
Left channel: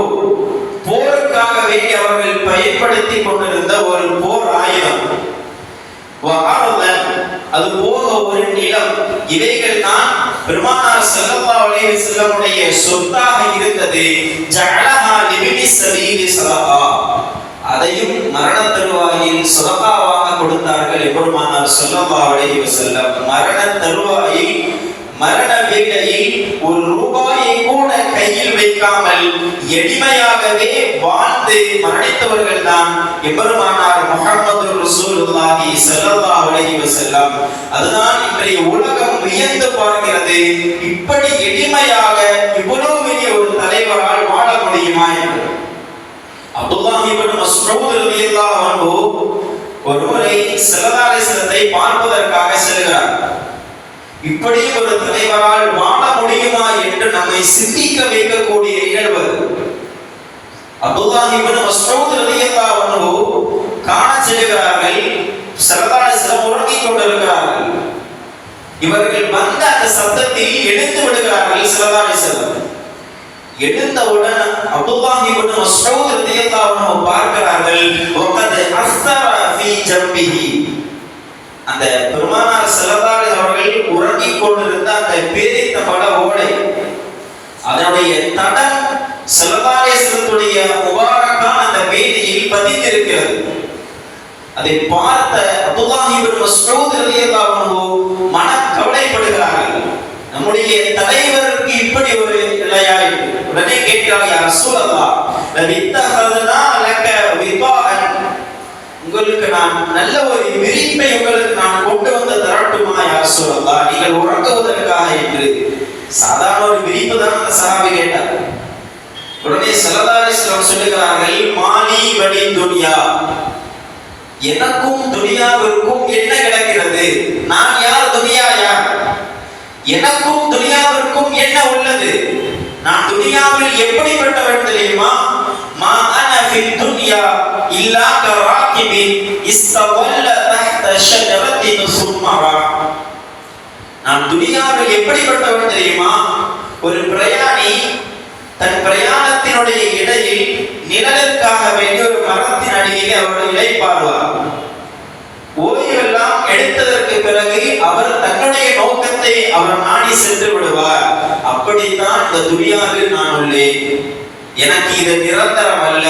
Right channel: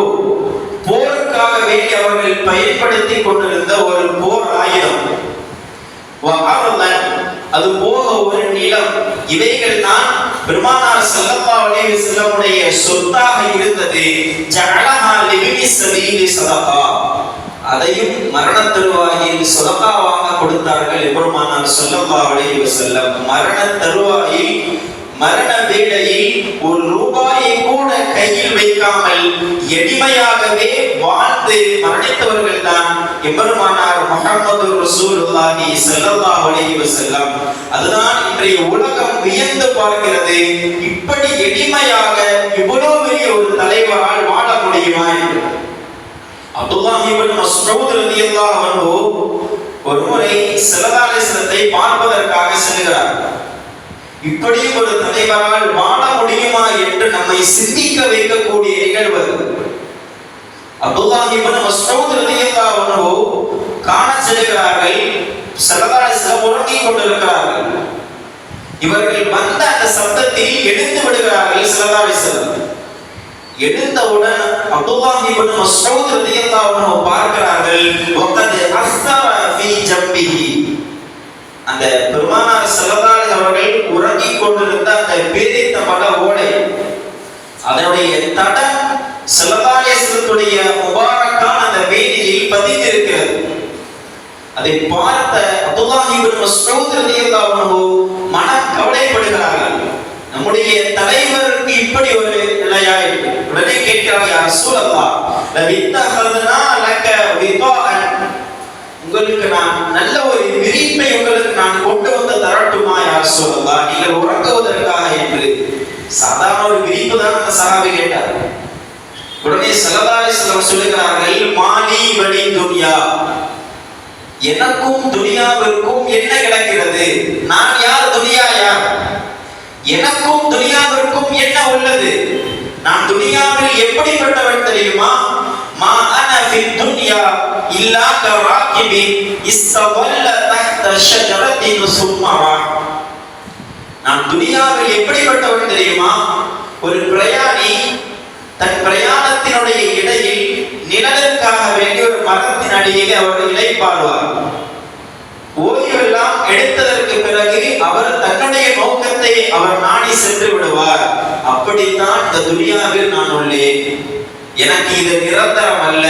போருக்காக வேண்டி அவர்கள் பயன்படுத்தி கொண்டிருந்த ஒரு போர் ஆயுதம். வஅர்லன் அது போக ஒரு நிலம். இவைகள் தான் பெருமானார் ஸல்லல்லாஹு அலைஹி வஸல்லமுடைய சொத்தாக இருந்தது. ஜஅலஹா லிபினி ஸபீலி ஸதகா, அதையும் மரண தருவாயில் ஸதகாவாக கொடுத்தார்கள் பெருமானார் ஸல்லல்லாஹு அலைஹி வஸல்லம். மரண தருவாயில் மரண வேளையில் ஒரு ரூபாயை கூட கையில் வைக்காமல் எளிமையாகவே வாழ்ந்து மரணித்தவர்கள் தான் எம்பெருமானார் முஹம்மது ரசூலுல்லாஹி ஸல்லல்லாஹு அலைஹி வஸல்லம். அதுதான் இன்றைய உலகம் வியந்து பார்க்கிறது, இப்படி எளிமையாக இவ்வளவு பெரிய ஒரு தலைவரால் வாழ முடியுமா என்று. அப்துல்லாஹ் இப்னு மஸ்ஊத் ரலியல்லாஹு அன்ஹு ஒரு முறை ஸல்லல்லாஹு அலைஹி வஸல்லத்தை பார்ப்பதற்காக செல்கிறார். இப்படி ஒரு தலைவரால் வாழ முடியுமா என்று நம்மை சிந்திக்க வைக்கக்கூடிய நிகழ்வு. அப்துல்லாஹ் இப்னு மஸ்ஊத் ரலியல்லாஹு அன்ஹு காண செல்கிறார்கள். ஸல்லல்லாஹு அலைஹி வஸல்லம் உறங்கிக் கொண்டிருக்கிறார்கள். இவர்கள் வந்த அந்த சத்தத்தில் எழுந்து விடுகிறார்கள். ஸல்லல்லாஹு அலைஹி வஸல்லம் எழுந்தவுடன் அப்துல்லாஹ் இப்னு மஸ்ஊத் ரலியல்லாஹு அன்ஹு பார்க்கிறார்கள், வகத் அஸ்ஸர ஃபீ ஜம்பிஹி. அந்த பெருமானார் ஸல்லல்லாஹு அலைஹி அவர்கள் உறங்கிக் கொண்டிருந்த அந்த பேரித்த மட ஓடை, அதனுடைய தடம் ஸல்லல்லாஹு அலைஹி வஸல்லமுடைய முபாரக்கான அந்த மேனியில் பதிந்திருக்கிறது. அதை பார்த்த அப்துல்லாஹ் இப்னு மஸ்ஊத் ரலியல்லாஹு அன்ஹு மனக்கவலைப்படுகிறார்கள். நம்முடைய தலைவருக்கு இப்படி ஒரு நிலையாய். உடனே கேட்கிறார்கள், யா ரசூலல்லாஹ் லவித்தஹதனா லக விதாஅன், உங்களுக்கு நான் நல்ல ஒரு விரிப்பை உங்களுக்கு நான் கொண்டு வந்து தரட்டுமா யா ரசூலல்லாஹ், நீங்கள் உறங்குவதற்காக என்று. சாதாரண ஒரு விரிப்பு தான் அந்த சஹாபி கேட்டார். உடனே ஸல்லல்லாஹு அலைஹி வஸல்லம் சொல்லுகிறார்கள், மாலி வலி துன்யா, எனக்கும் துனியாவிற்கும் என்ன கிடக்கிறது? நான் யார், துனியா யார்? எனக்கும் துனியாவிற்கும் என்ன உள்ளது? நான் துனியாவில் எப்படிப்பட்டவன் தெரியுமா? மா அன ஃபித் துன்யா இல்லா கராகிபின் இஸ்தவல்ல தஹ்த ஷஜரத்தின் சும்மரா. நான் துனியாவில் எப்படிப்பட்டவன் தெரியுமா? ஒரு பிரயாணி தன் பிரயாணத்தினுடைய இடையில் நிழலுக்காக வேண்டிய ஒரு மரத்தின் அடியிலே அவர் இளைப்பாறுவார். ஓய்வெல்லாம் எடுத்ததற்கு பிறகு அவர் தன்னுடைய நோக்கத்தை அவர் நாடி சென்று விடுவார். அப்படித்தான் இந்த துனியாவில் நான் உள்ளேன். எனக்கு இது நிரந்தரம் அல்ல,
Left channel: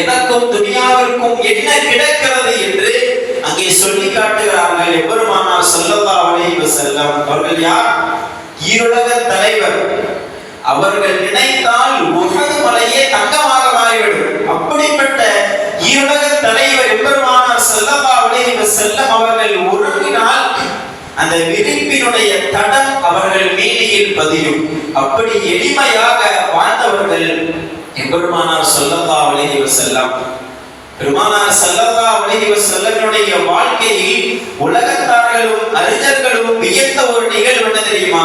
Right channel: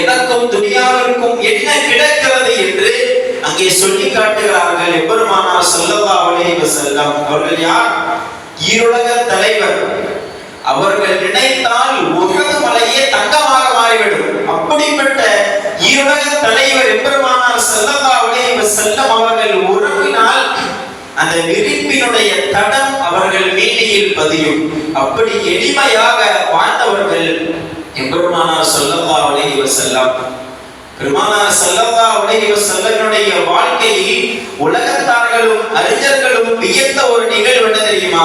எனக்கும் துனியாவிற்கும் என்ன கிடக்கிறது என்று அங்கே சொல்லி காட்டுகிறார்கள் எம்பெருமானார் ஸல்லல்லாஹு அலைஹி வஸல்லம். அவர்கள் யார்? ஈருலக தலைவர். அவர்கள் நினைத்தால் உஹது மலையே தங்கமாக மாறிவிடும். அப்படிப்பட்ட ஈருலக தலைவர் எம்பெருமானார் ஸல்லல்லாஹு அலைஹி வஸல்லம் அவர்கள் உறங்கினால் அந்த விரிப்பினுடைய தடம் அவர்கள் மேனியில் பதியும். அப்படி எளிமையாக வாழ்ந்தவர்கள் எம்பெருமானார் ஸல்லல்லாஹு அலைஹி வஸல்லம். பெருமானார் ஸல்லல்லாஹு அலைஹி வஸல்லமுடைய வாழ்க்கையில் உலகத்தார்களும் அறிஞர்களும் வியந்த ஒரு நிகழ்வு என்ன தெரியுமா?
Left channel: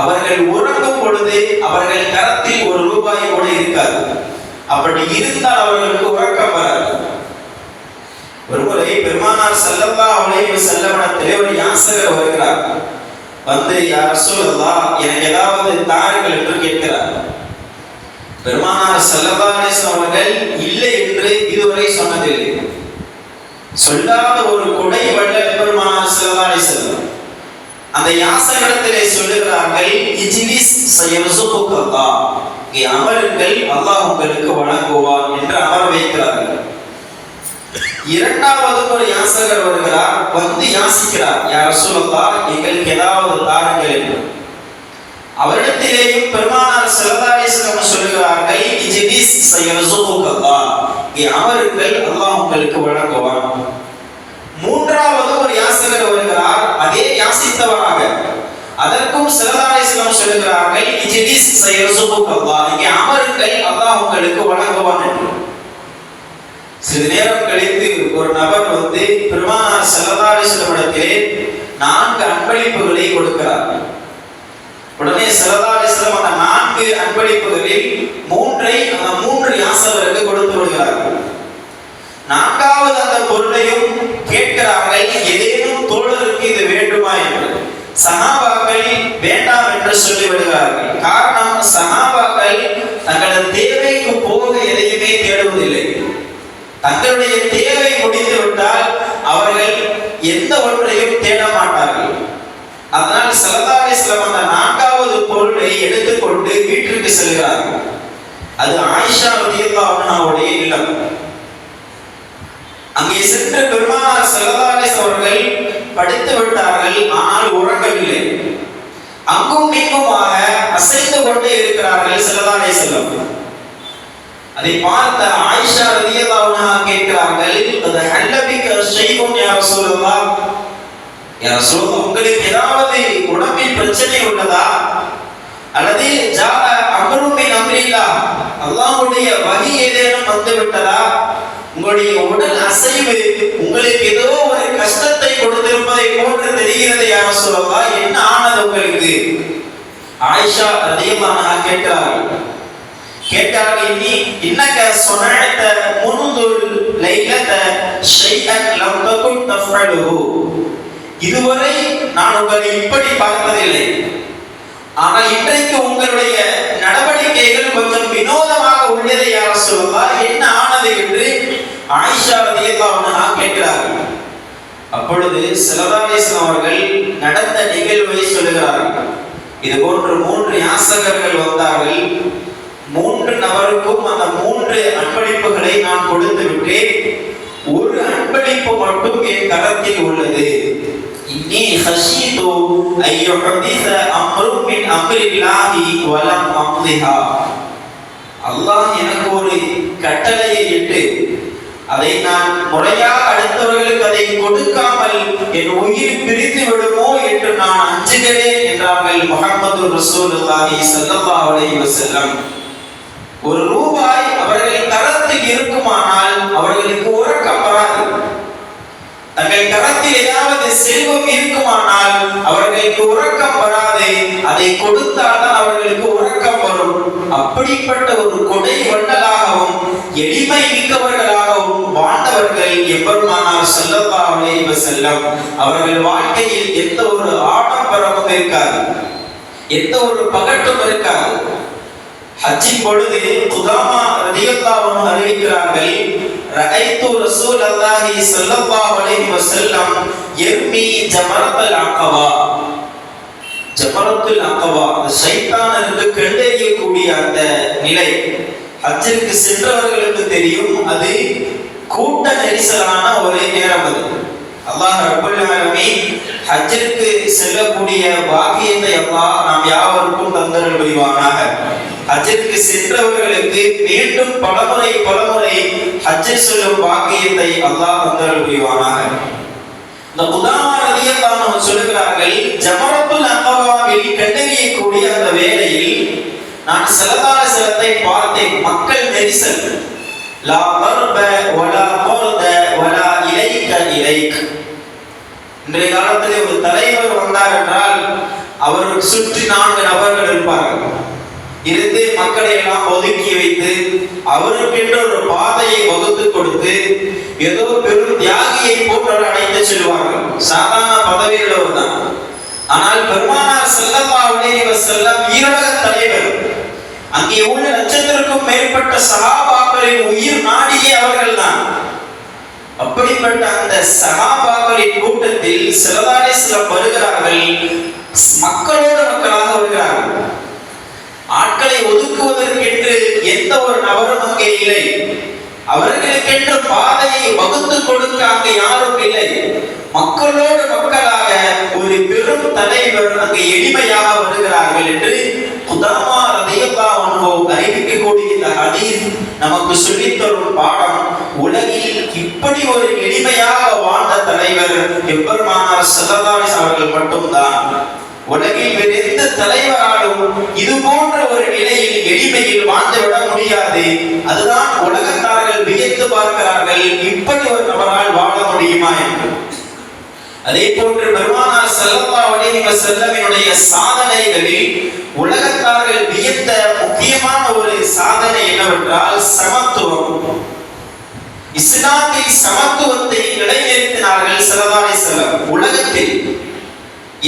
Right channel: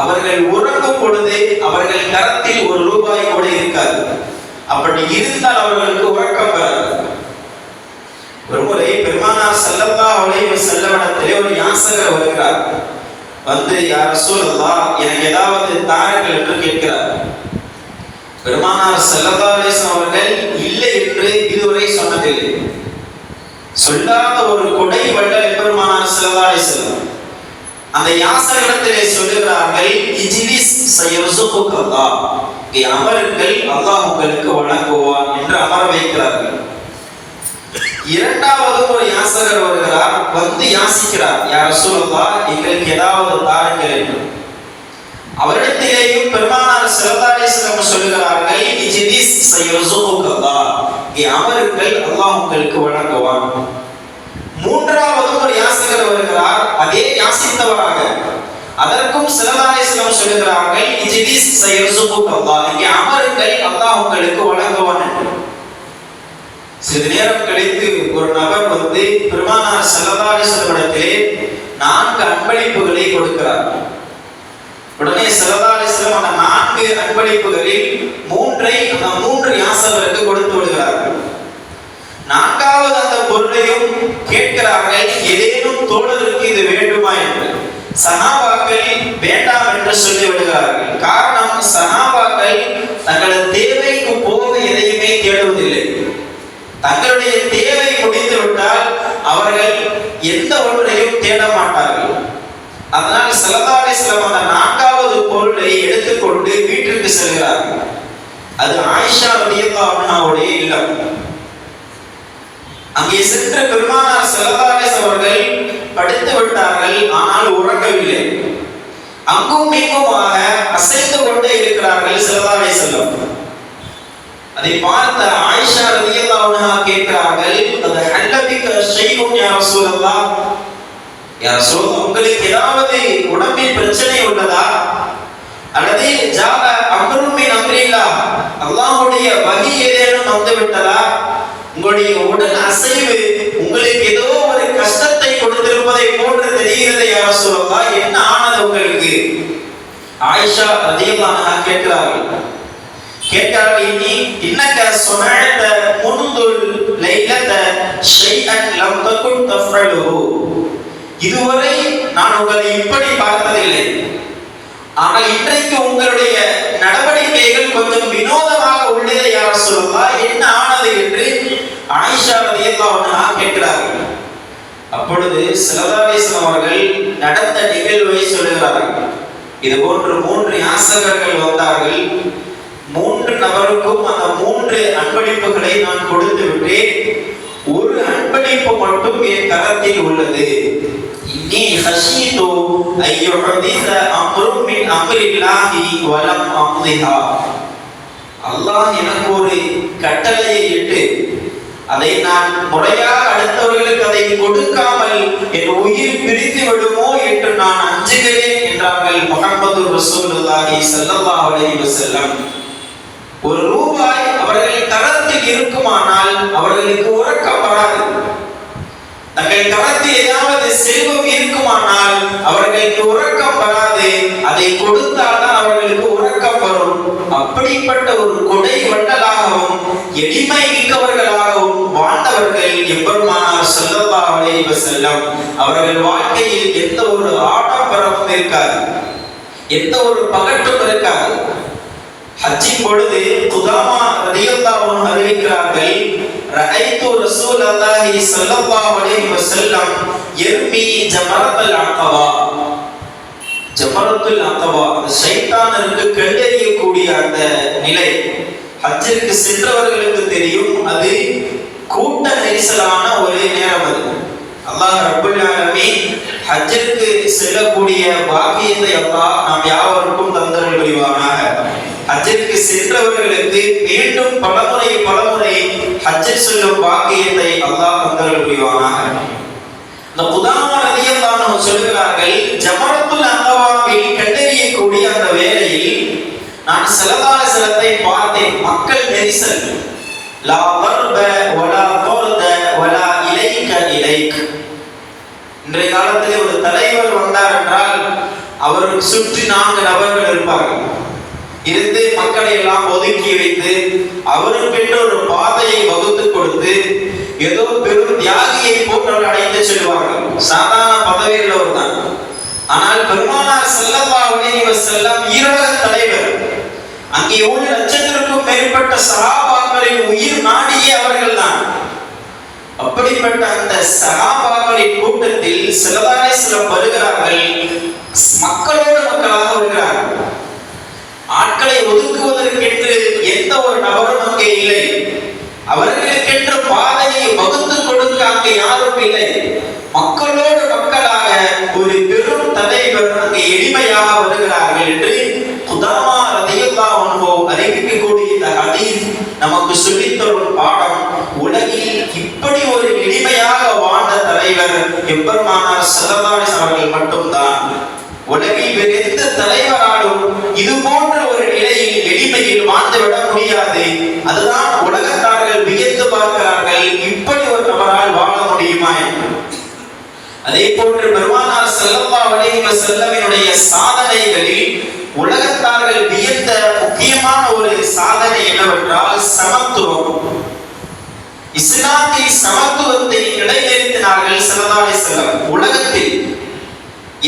அவர்கள் உறங்கும் பொழுது அவர்கள் கரத்தில் ஒரு ரூபாய் கூட இருக்காது. அப்படி இருந்தால் அவர்களுக்கு உறக்கம் வராது. ஒருமுறை பெருமானார் ஸல்லல்லாஹு அலைஹி வஸல்லமிடத்திலே ஒரு யாசகர் வருகிறார். வந்து, யா ரசூலல்லாஹ், எனக்கு ஏதாவது தாருங்கள் என்று கேட்கிறார். பெருமானார் ஸல்லல்லாஹு அலைஹி வஸல்லம் அவர்கள் இல்லை என்று இதுவரை சொன்னதில்லை. சொல்லாத ஒரு கொடை வள்ளல் பெருமானார் ஸல்லல்லாஹு அலைஹி வஸல்லம் அந்த யாசகத்திலே சொல்லுகிறார்கள், இஜ்லிஸ் சயர்சுகுக்கல்லாஹ், இங்கே அமருங்கள், அல்லாஹ் உங்களுக்கு வழங்குவான் என்று அமர வைக்கிறார்கள். இரண்டாவது ஒரு யாசகர் வருகிறார், வந்து யாசிக்கிறார், யா ரசூலல்லாஹ் எங்களுக்கு ஏதாவது தாருங்கள் என்று. அவரிடத்திலேயும் பெருமானார் ஸல்லல்லாஹு அலைஹி வஸல்லம் சொல்லுகிறார்கள், இஜ்லிஸ் சயர்சுகுக்கல்லாஹ், இங்கே அமருங்கள், அல்லாஹ் உங்களுக்கு வழங்குவான். மூன்றாவது ஒரு யாசகர் வருகிறார், அதே யாசித்தவராக, அதற்கும் ஸல்லல்லாஹு அலைஹி வஸல்லம் சொல்லுகிறார்கள், இஜ்லிஸ் சயர்சுகுக்கல்லாஹ், இங்கே அமருங்கள், அல்லாஹ் உங்களுக்கு வழங்குவான் என்று. சிறிது நேரம் கழித்து ஒரு நபர் வந்து பெருமானார் ஸல்லல்லாஹு அலைஹி வஸல்லம் இடத்திலே 4 அன்பளிப்புகளை கொடுக்கிறார். உடனே ஸல்லல்லாஹு அலைஹி வஸல்லம் அந்த 4 அன்பளிப்புகளில் 3ஐ அந்த 3 யாசகருக்கு கொடுத்து விடுகிறார்கள். 4வது அந்த பொருளையும் கேட்கிறார்கள், ஏதேனும் தோழருக்கு இது வேண்டுமா என்று. சஹாபாக்கள் வேண்டாம் என்று சொல்லி விடுகிறார்கள். காரணம், சஹாபாக்கள் தங்களது தேவைக்கு போக எதையுமே தேடுவதில்லை. தங்களுடைய தேவை முடிந்து விட்டால் அவர்கள் எந்த ஒன்றையும் தேட மாட்டார்கள். அதனால் ஸல்லல்லாஹு அலைஹி வஸல்லம் அந்த 4வது பொருளை எடுத்துக்கொண்டு வீட்டிற்கு செல்கிறார்கள். அது ஆயிஷா ரலியல்லாஹு அன்ஹாவுடைய இல்லம். அங்கே சென்று பெருமானார் ஸல்லல்லாஹு அலைஹி வஸல்லம் அவர்கள் படுத்து விட்டார்கள், ஆனால் உறங்கவில்லை. அங்கும் இங்குமாக அசைந்து கொண்டே இருக்கிறார்கள் ஸல்லல்லாஹு அலைஹி வஸல்லம். அதை பார்த்த ஆயிஷா ரலியல்லாஹு அன்ஹா கேட்கிறார்கள், அது ஹல்லபிக ஷைஉன் யா ரசூலல்லாஹ், யா ரசூலல்லாஹ் உங்களுக்கு ஏதாவது உடம்பில் பிரச்சனை உள்ளதா, அல்லது ஜாஅ அம்ருன் மின் அம்ரில்லாஹ், அல்லாஹ்வுடைய வஹி ஏதேனும் வந்து விட்டதா, உங்களுடைய உடல் அசைவு உங்களுக்கு ஏதோ ஒரு கஷ்டத்தை கொடுத்திருப்பதை போன்று தெரிகிறது யா ரசூலல்லாஹ், என்ன ஆனது உங்களுக்கு? ஆயிஷா ரலியல்லாஹு அன்ஹா கேட்கிறார்கள், நீ இன்னக சொனஅத முன்து லைலத ஷைஅன் லம் தகுன் தஃஅலுஹு, இதுவரை நான் உங்களை இப்படி பார்த்ததில்லை, ஆனால் இன்றைக்கு உங்களுடைய நடவடிக்கைகள் கொஞ்சம் வினோதமாக உள்ளது யா ரசூலல்லாஹ், என்ன ஆனது என்று ஆயிஷா ரலியல்லாஹு அன்ஹா கேட்கிறார்கள். அப்பொழுது ஸல்லல்லாஹு அலைஹி வஸல்லம் அவர்கள் நடந்த நிகழ்வை சொல்கிறார்கள். இது போன்று 3 யாசகர்கள் வந்தார்கள். 3 நபருக்கும் அந்த 3 அன்பளிப்புகளை நான் கொடுத்து விட்டேன். ஒரு அன்பளிப்பு மட்டும் என் கரத்தில் உள்ளது. இன்னி ஹஷீது அய்யுஹதிஸ அம்ருன் மின் அம்ரில்லாஹி வலம் அம்திஹா, அல்லாஹ் எனக்கு ஒரு கட்டளையை இட்டு அதை நான் முறையாக அடுத்தவர்களுக்கு அதை கொடுக்காமல் என் உயிர் பிரித்து விடுமோ என்று நான் அஞ்சுகிறேன் என்றார்கள் முஹம்மது ரசூலுல்லாஹி ஸல்லல்லாஹு அலைஹி வஸல்லம். ஒரு ரூபாய் அவர்கள் கரத்தில் இருக்குமானால் அவர்களுக்கு உறக்கம் வராது. தங்கள் கரத்தில் ஏதாவது செல்வம் இருக்குமானால் அவர்களுக்கு உறக்கம் வராது. அதை கொடுத்தால் தான் அவர்களுக்கு உறக்கம் வரும். அப்படிப்பட்ட ஒரு கொடை வள்ளலாகவும் எளிமை மிக்கவர்களாகவும் வாழ்ந்தவர்கள் எம்பெருமானார் ஸல்லல்லாஹு அலைஹி வஸல்லம். அவர்கள் வாழ்க்கையில் எந்த ஒரு ஆடம்பரமும் இருக்காது, எந்த ஒரு பகட்டும் இருக்காது. ஹஜ்ஜின் பொழுது குதாமா ரலியல்லாஹு அன்ஹு அறிவிக்கிறார்கள், ரஅய்து ரசூலல்லாஹி ஸல்லல்லாஹு அலைஹி வஸல்லம் யர்மி ஜமரத்துல் அகபா. ஜமரத்துல் அகபா ஷைத்தானுக்கு கண்டறியக்கூடிய அந்த நிலை ஹஜ்ஜிற்கு சென்றவர்களுக்கு தெரியும். அது கூட்ட நெரிசலான ஒரு நேரம். அது அல்லாஹ் ரப்பல் ஆலமீன் ஹஜ்ஜிற்கு செல்லக்கூடிய பாக்கியத்தை அல்லாஹ் நாம் யாவருக்கும் தந்தருள் புரிவானாக. ஹஜ்ஜிற்கு சென்றவர்களுக்கு மீண்டும் பலமுறை ஹஜ்ஜில் செல்லும் பாக்கியத்தை அல்லாஹ் தந்தருள் புரிவானாக. இந்த குதாமா ரலியல்லாஹு அன்ஹு சொல்கிறார்கள், ஜமரத்துல் அகபாவில் கண்டறியக்கூடிய அந்த வேளையில் நான் ஸல்லல்லாஹு அலைஹி வஸல்லத்தை பார்த்தேன். மக்கள் நெரிசல், லா தர்ப வலா தர்த வலா இலைக இலைக். இன்றைய காலத்திலே ஒரு தலைவர் வந்தார் என்றால் அவருக்கு சுற்றி 4 நபர்கள் இருப்பார்கள். இருந்து மக்களை எல்லாம் ஒதுக்கி வைத்து அவருக்கென்று ஒரு பாதையை வகுத்து கொடுத்து ஏதோ பெரும் தியாகியை போன்று அழைத்து செல்வார்கள். சாதாரண பதவியில் தான். ஆனால் பெருமானார் ஸல்லல்லாஹு அலைஹி வஸல்லம் ஈரோட தலைவர். அங்கே 7 லட்சத்திற்கும் மேற்பட்ட சஹாபாக்கள் சஹாபாக்களின் உயிர் நாடியே அவர்கள் தான். அப்படிப்பட்ட அந்த சஹாபாக்களின் கூட்டத்தில் ஸல்லல்லாஹு அலைஹி வஸல்லம் வருகிறார்கள். மக்களோடு மக்களாக வருகிறார்கள். ஆட்களை ஒதுக்குவதற்கென்று எந்த ஒரு நபரும் அங்கே இல்லை. அவர்களுக்கென்று பாதையை வகுத்து கொடுக்க அங்கே யாரும் இல்லை. மக்களோடு மக்களாக ஒரு பெரும் தலைவர் அங்கே எளிமையாக வருகிறார்கள் என்று குதாமா ரலியல்லாஹு அன்ஹு அறிவிக்கக்கூடிய இந்த ஹதீஸ் நமக்கு சொல்லித் தரும் பாடம். உலகில் இப்படி ஒரு எளிமையாக வாழ்ந்த தலைவர் எம்பெருமானார் ஸல்லல்லாஹு அலைஹி வஸல்லம் அவர்கள் மட்டும்தான். உலகில் வேறு எந்த தலைவராலும் இது போன்ற ஒரு நிலையில் எளிமையில் வாழ்ந்துவிட முடியாது. அதுதான் உலகத்தார்கள் வியந்து பார்க்கிறார்கள், இப்படி ஒரு நபரால் வாழ முடியுமா என்று. அதே போன்று பெருமானார் ஸல்லல்லாஹு அலைஹி வஸல்லமினுடைய சாதனைகளில் உலகத்தார்கள் வியந்த முக்கியமான ஒரு சாதனை என்னவென்றால் சமத்துவம். இஸ்லாத்தில் சமத்துவத்தை நிலைநிறுத்தினார்கள் ஸல்லல்லாஹு அலைஹி வஸல்லம். உலகத்தில்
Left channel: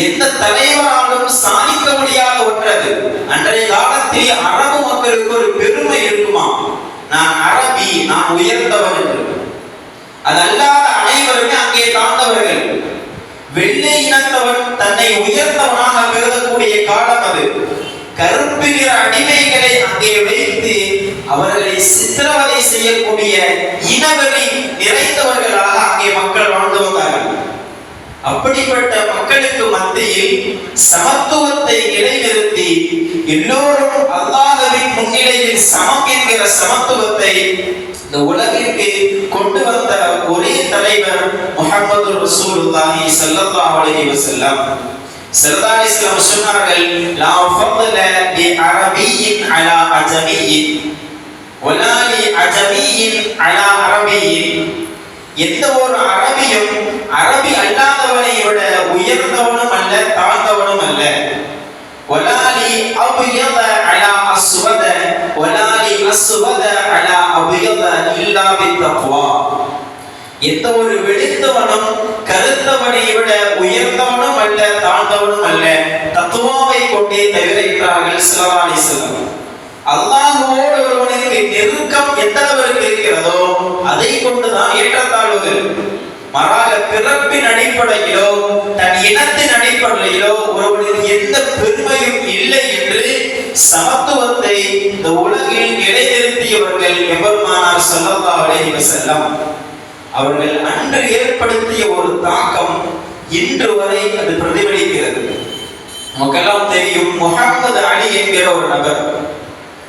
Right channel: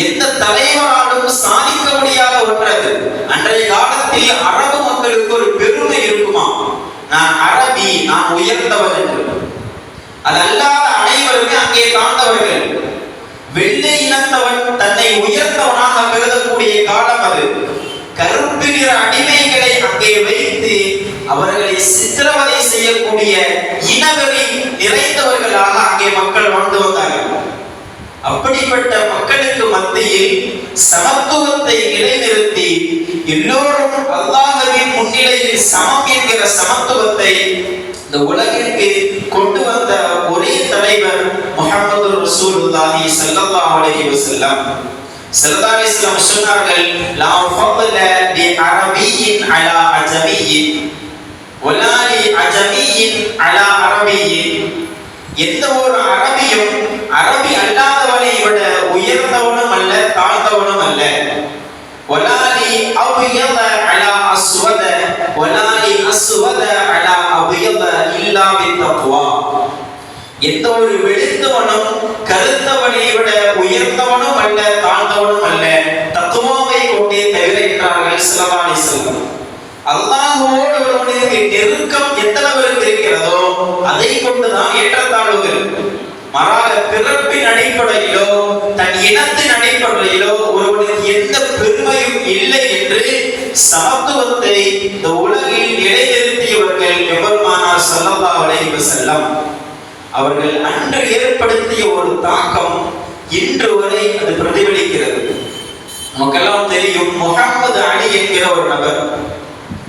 எந்த தலைவராலும் சாதிக்க முடியாத ஒன்றது. அன்றைய காலத்தில் அரபு மக்களுக்கு ஒரு பெருமை இருக்குமா, நான் அரபி, நான் உயர்ந்தவர் என்று. அதல்லாத அனைவருமே அங்கே தாழ்ந்தவர்கள். வெள்ளை இனத்தவன் தன்னை உயர்ந்தவனாக கருதக்கூடிய காலம் அது. கருப்பு நிற அடிமைகளை அங்கே வைத்து அவர்களை சித்திரவதை செய்யக்கூடிய இனவெறி நிறைந்தவர்களாக அங்கே மக்கள் வாழ்ந்து வந்தார்கள். அப்படிப்பட்ட மக்களுக்கு மத்தியில் சமத்துவத்தை இடைநிறுத்தி எல்லோரும் அல்லாஹ்வின் முன்னிலையில் சமம் என்கிற சமத்துவத்தை இந்த உலகிற்கு கொண்டு வந்த ஒரே தலைவர் முஹம்மது ரசூலுல்லாஹி ஸல்லல்லாஹு அலைஹி வஸல்லம். ஸல்லல்லாஹு அலைஹி வஸல்லம் சொன்னார்கள், லா ஃபضல லி அரபியின் அலா அஜமியின் வலா லி அஜமியின் அலா அரபியின். எந்த ஒரு அரபியும் அரபி அல்லாதவனை விட உயர்ந்தவனும் அல்ல, தாழ்ந்தவனும் அல்ல. வலா லி அப்யத அலா அஸ்வத வலா லி அஸ்வத அலா அப்யத இல்லா பித்தக்வா. எந்த ஒரு வெளுத்தவனும் கருத்தவனை விட உயர்ந்தவனும் அல்ல, தாழ்ந்தவனும் அல்ல, தக்வாவை கொண்டே தவிர என்றார்கள் ஸல்லல்லாஹு அலைஹி வஸல்லம். அல்லாஹ்வோடு ஒருவனுக்கு நெருக்கம் எந்த அளவுக்கு இருக்கிறதோ அதை கொண்டுதான் ஏற்றத்தாழ்வுகள். மாறாக பிறப்பின் அடிப்படையிலோ தன் இனத்தின் அடிப்படையிலோ ஒருவனுக்கு எந்த பெருமையும் இல்லை என்று சமத்துவத்தை இந்த உலகில் நிலைநிறுத்தியவர்கள் எம்பெருமானார் ஸல்லல்லாஹு அலைஹி வஸல்லம். அவர்கள் அன்று ஏற்படுத்திய ஒரு தாக்கம் இன்று வரை அது பிரதிபலிக்கிறது. நமக்கெல்லாம் தெரியும், முஹம்மது அலி என்கிற ஒரு நபர்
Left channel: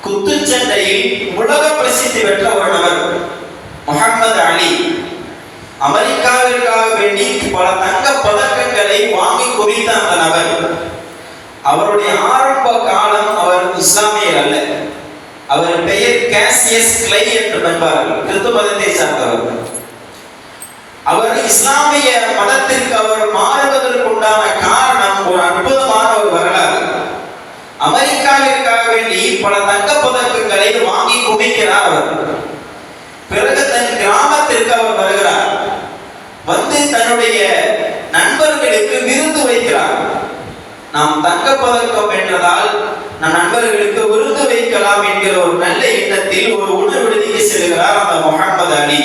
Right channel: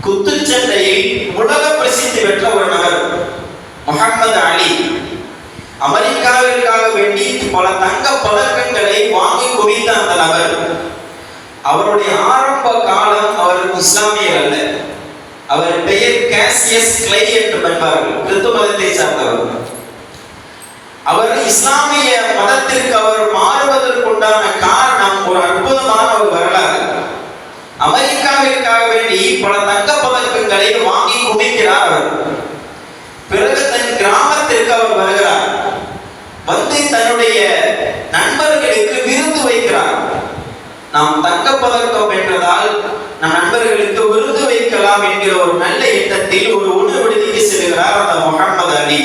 குத்துச்சண்டையில் உலக பிரசித்தி பெற்ற ஒரு நபர். முஹம்மது அலி அமெரிக்காவிற்காக வேண்டி பல தங்க பதக்கங்களை வாங்கி குவித்த அந்த நபர். அவருடைய ஆரம்ப காலம் அவர் இஸ்லாமியர் அல்ல. அவர் பெயர் கேசியஸ் கிளை என்று என்பார்கள், கிறிஸ்து மதத்தை சார்ந்தவர். அவர் இஸ்லாமிய மதத்திற்கு அவர் மாறுவதற்குண்டான காரணம் ஒரு அற்புதமான ஒரு வரலாறு. அமெரிக்காவிற்காக வேண்டி பல தங்க பதக்கங்களை வாங்கி குவிக்கிறார் அவர். பிறகு தன் கிராமத்திற்கு அவர் வருகிறார். வந்து தன்னுடைய நண்பர்களுக்கு விருந்து வைக்கிறார். நாம் தங்க பதக்கம் வென்றதால் நம் நண்பர்களுக்கு விருந்து வைக்கலாம் என்கிற ஒரு நல்ல எண்ணத்தில் ஒரு உணவு விடுதிக்கு செல்கிறார் அந்த முஹம்மது அலி.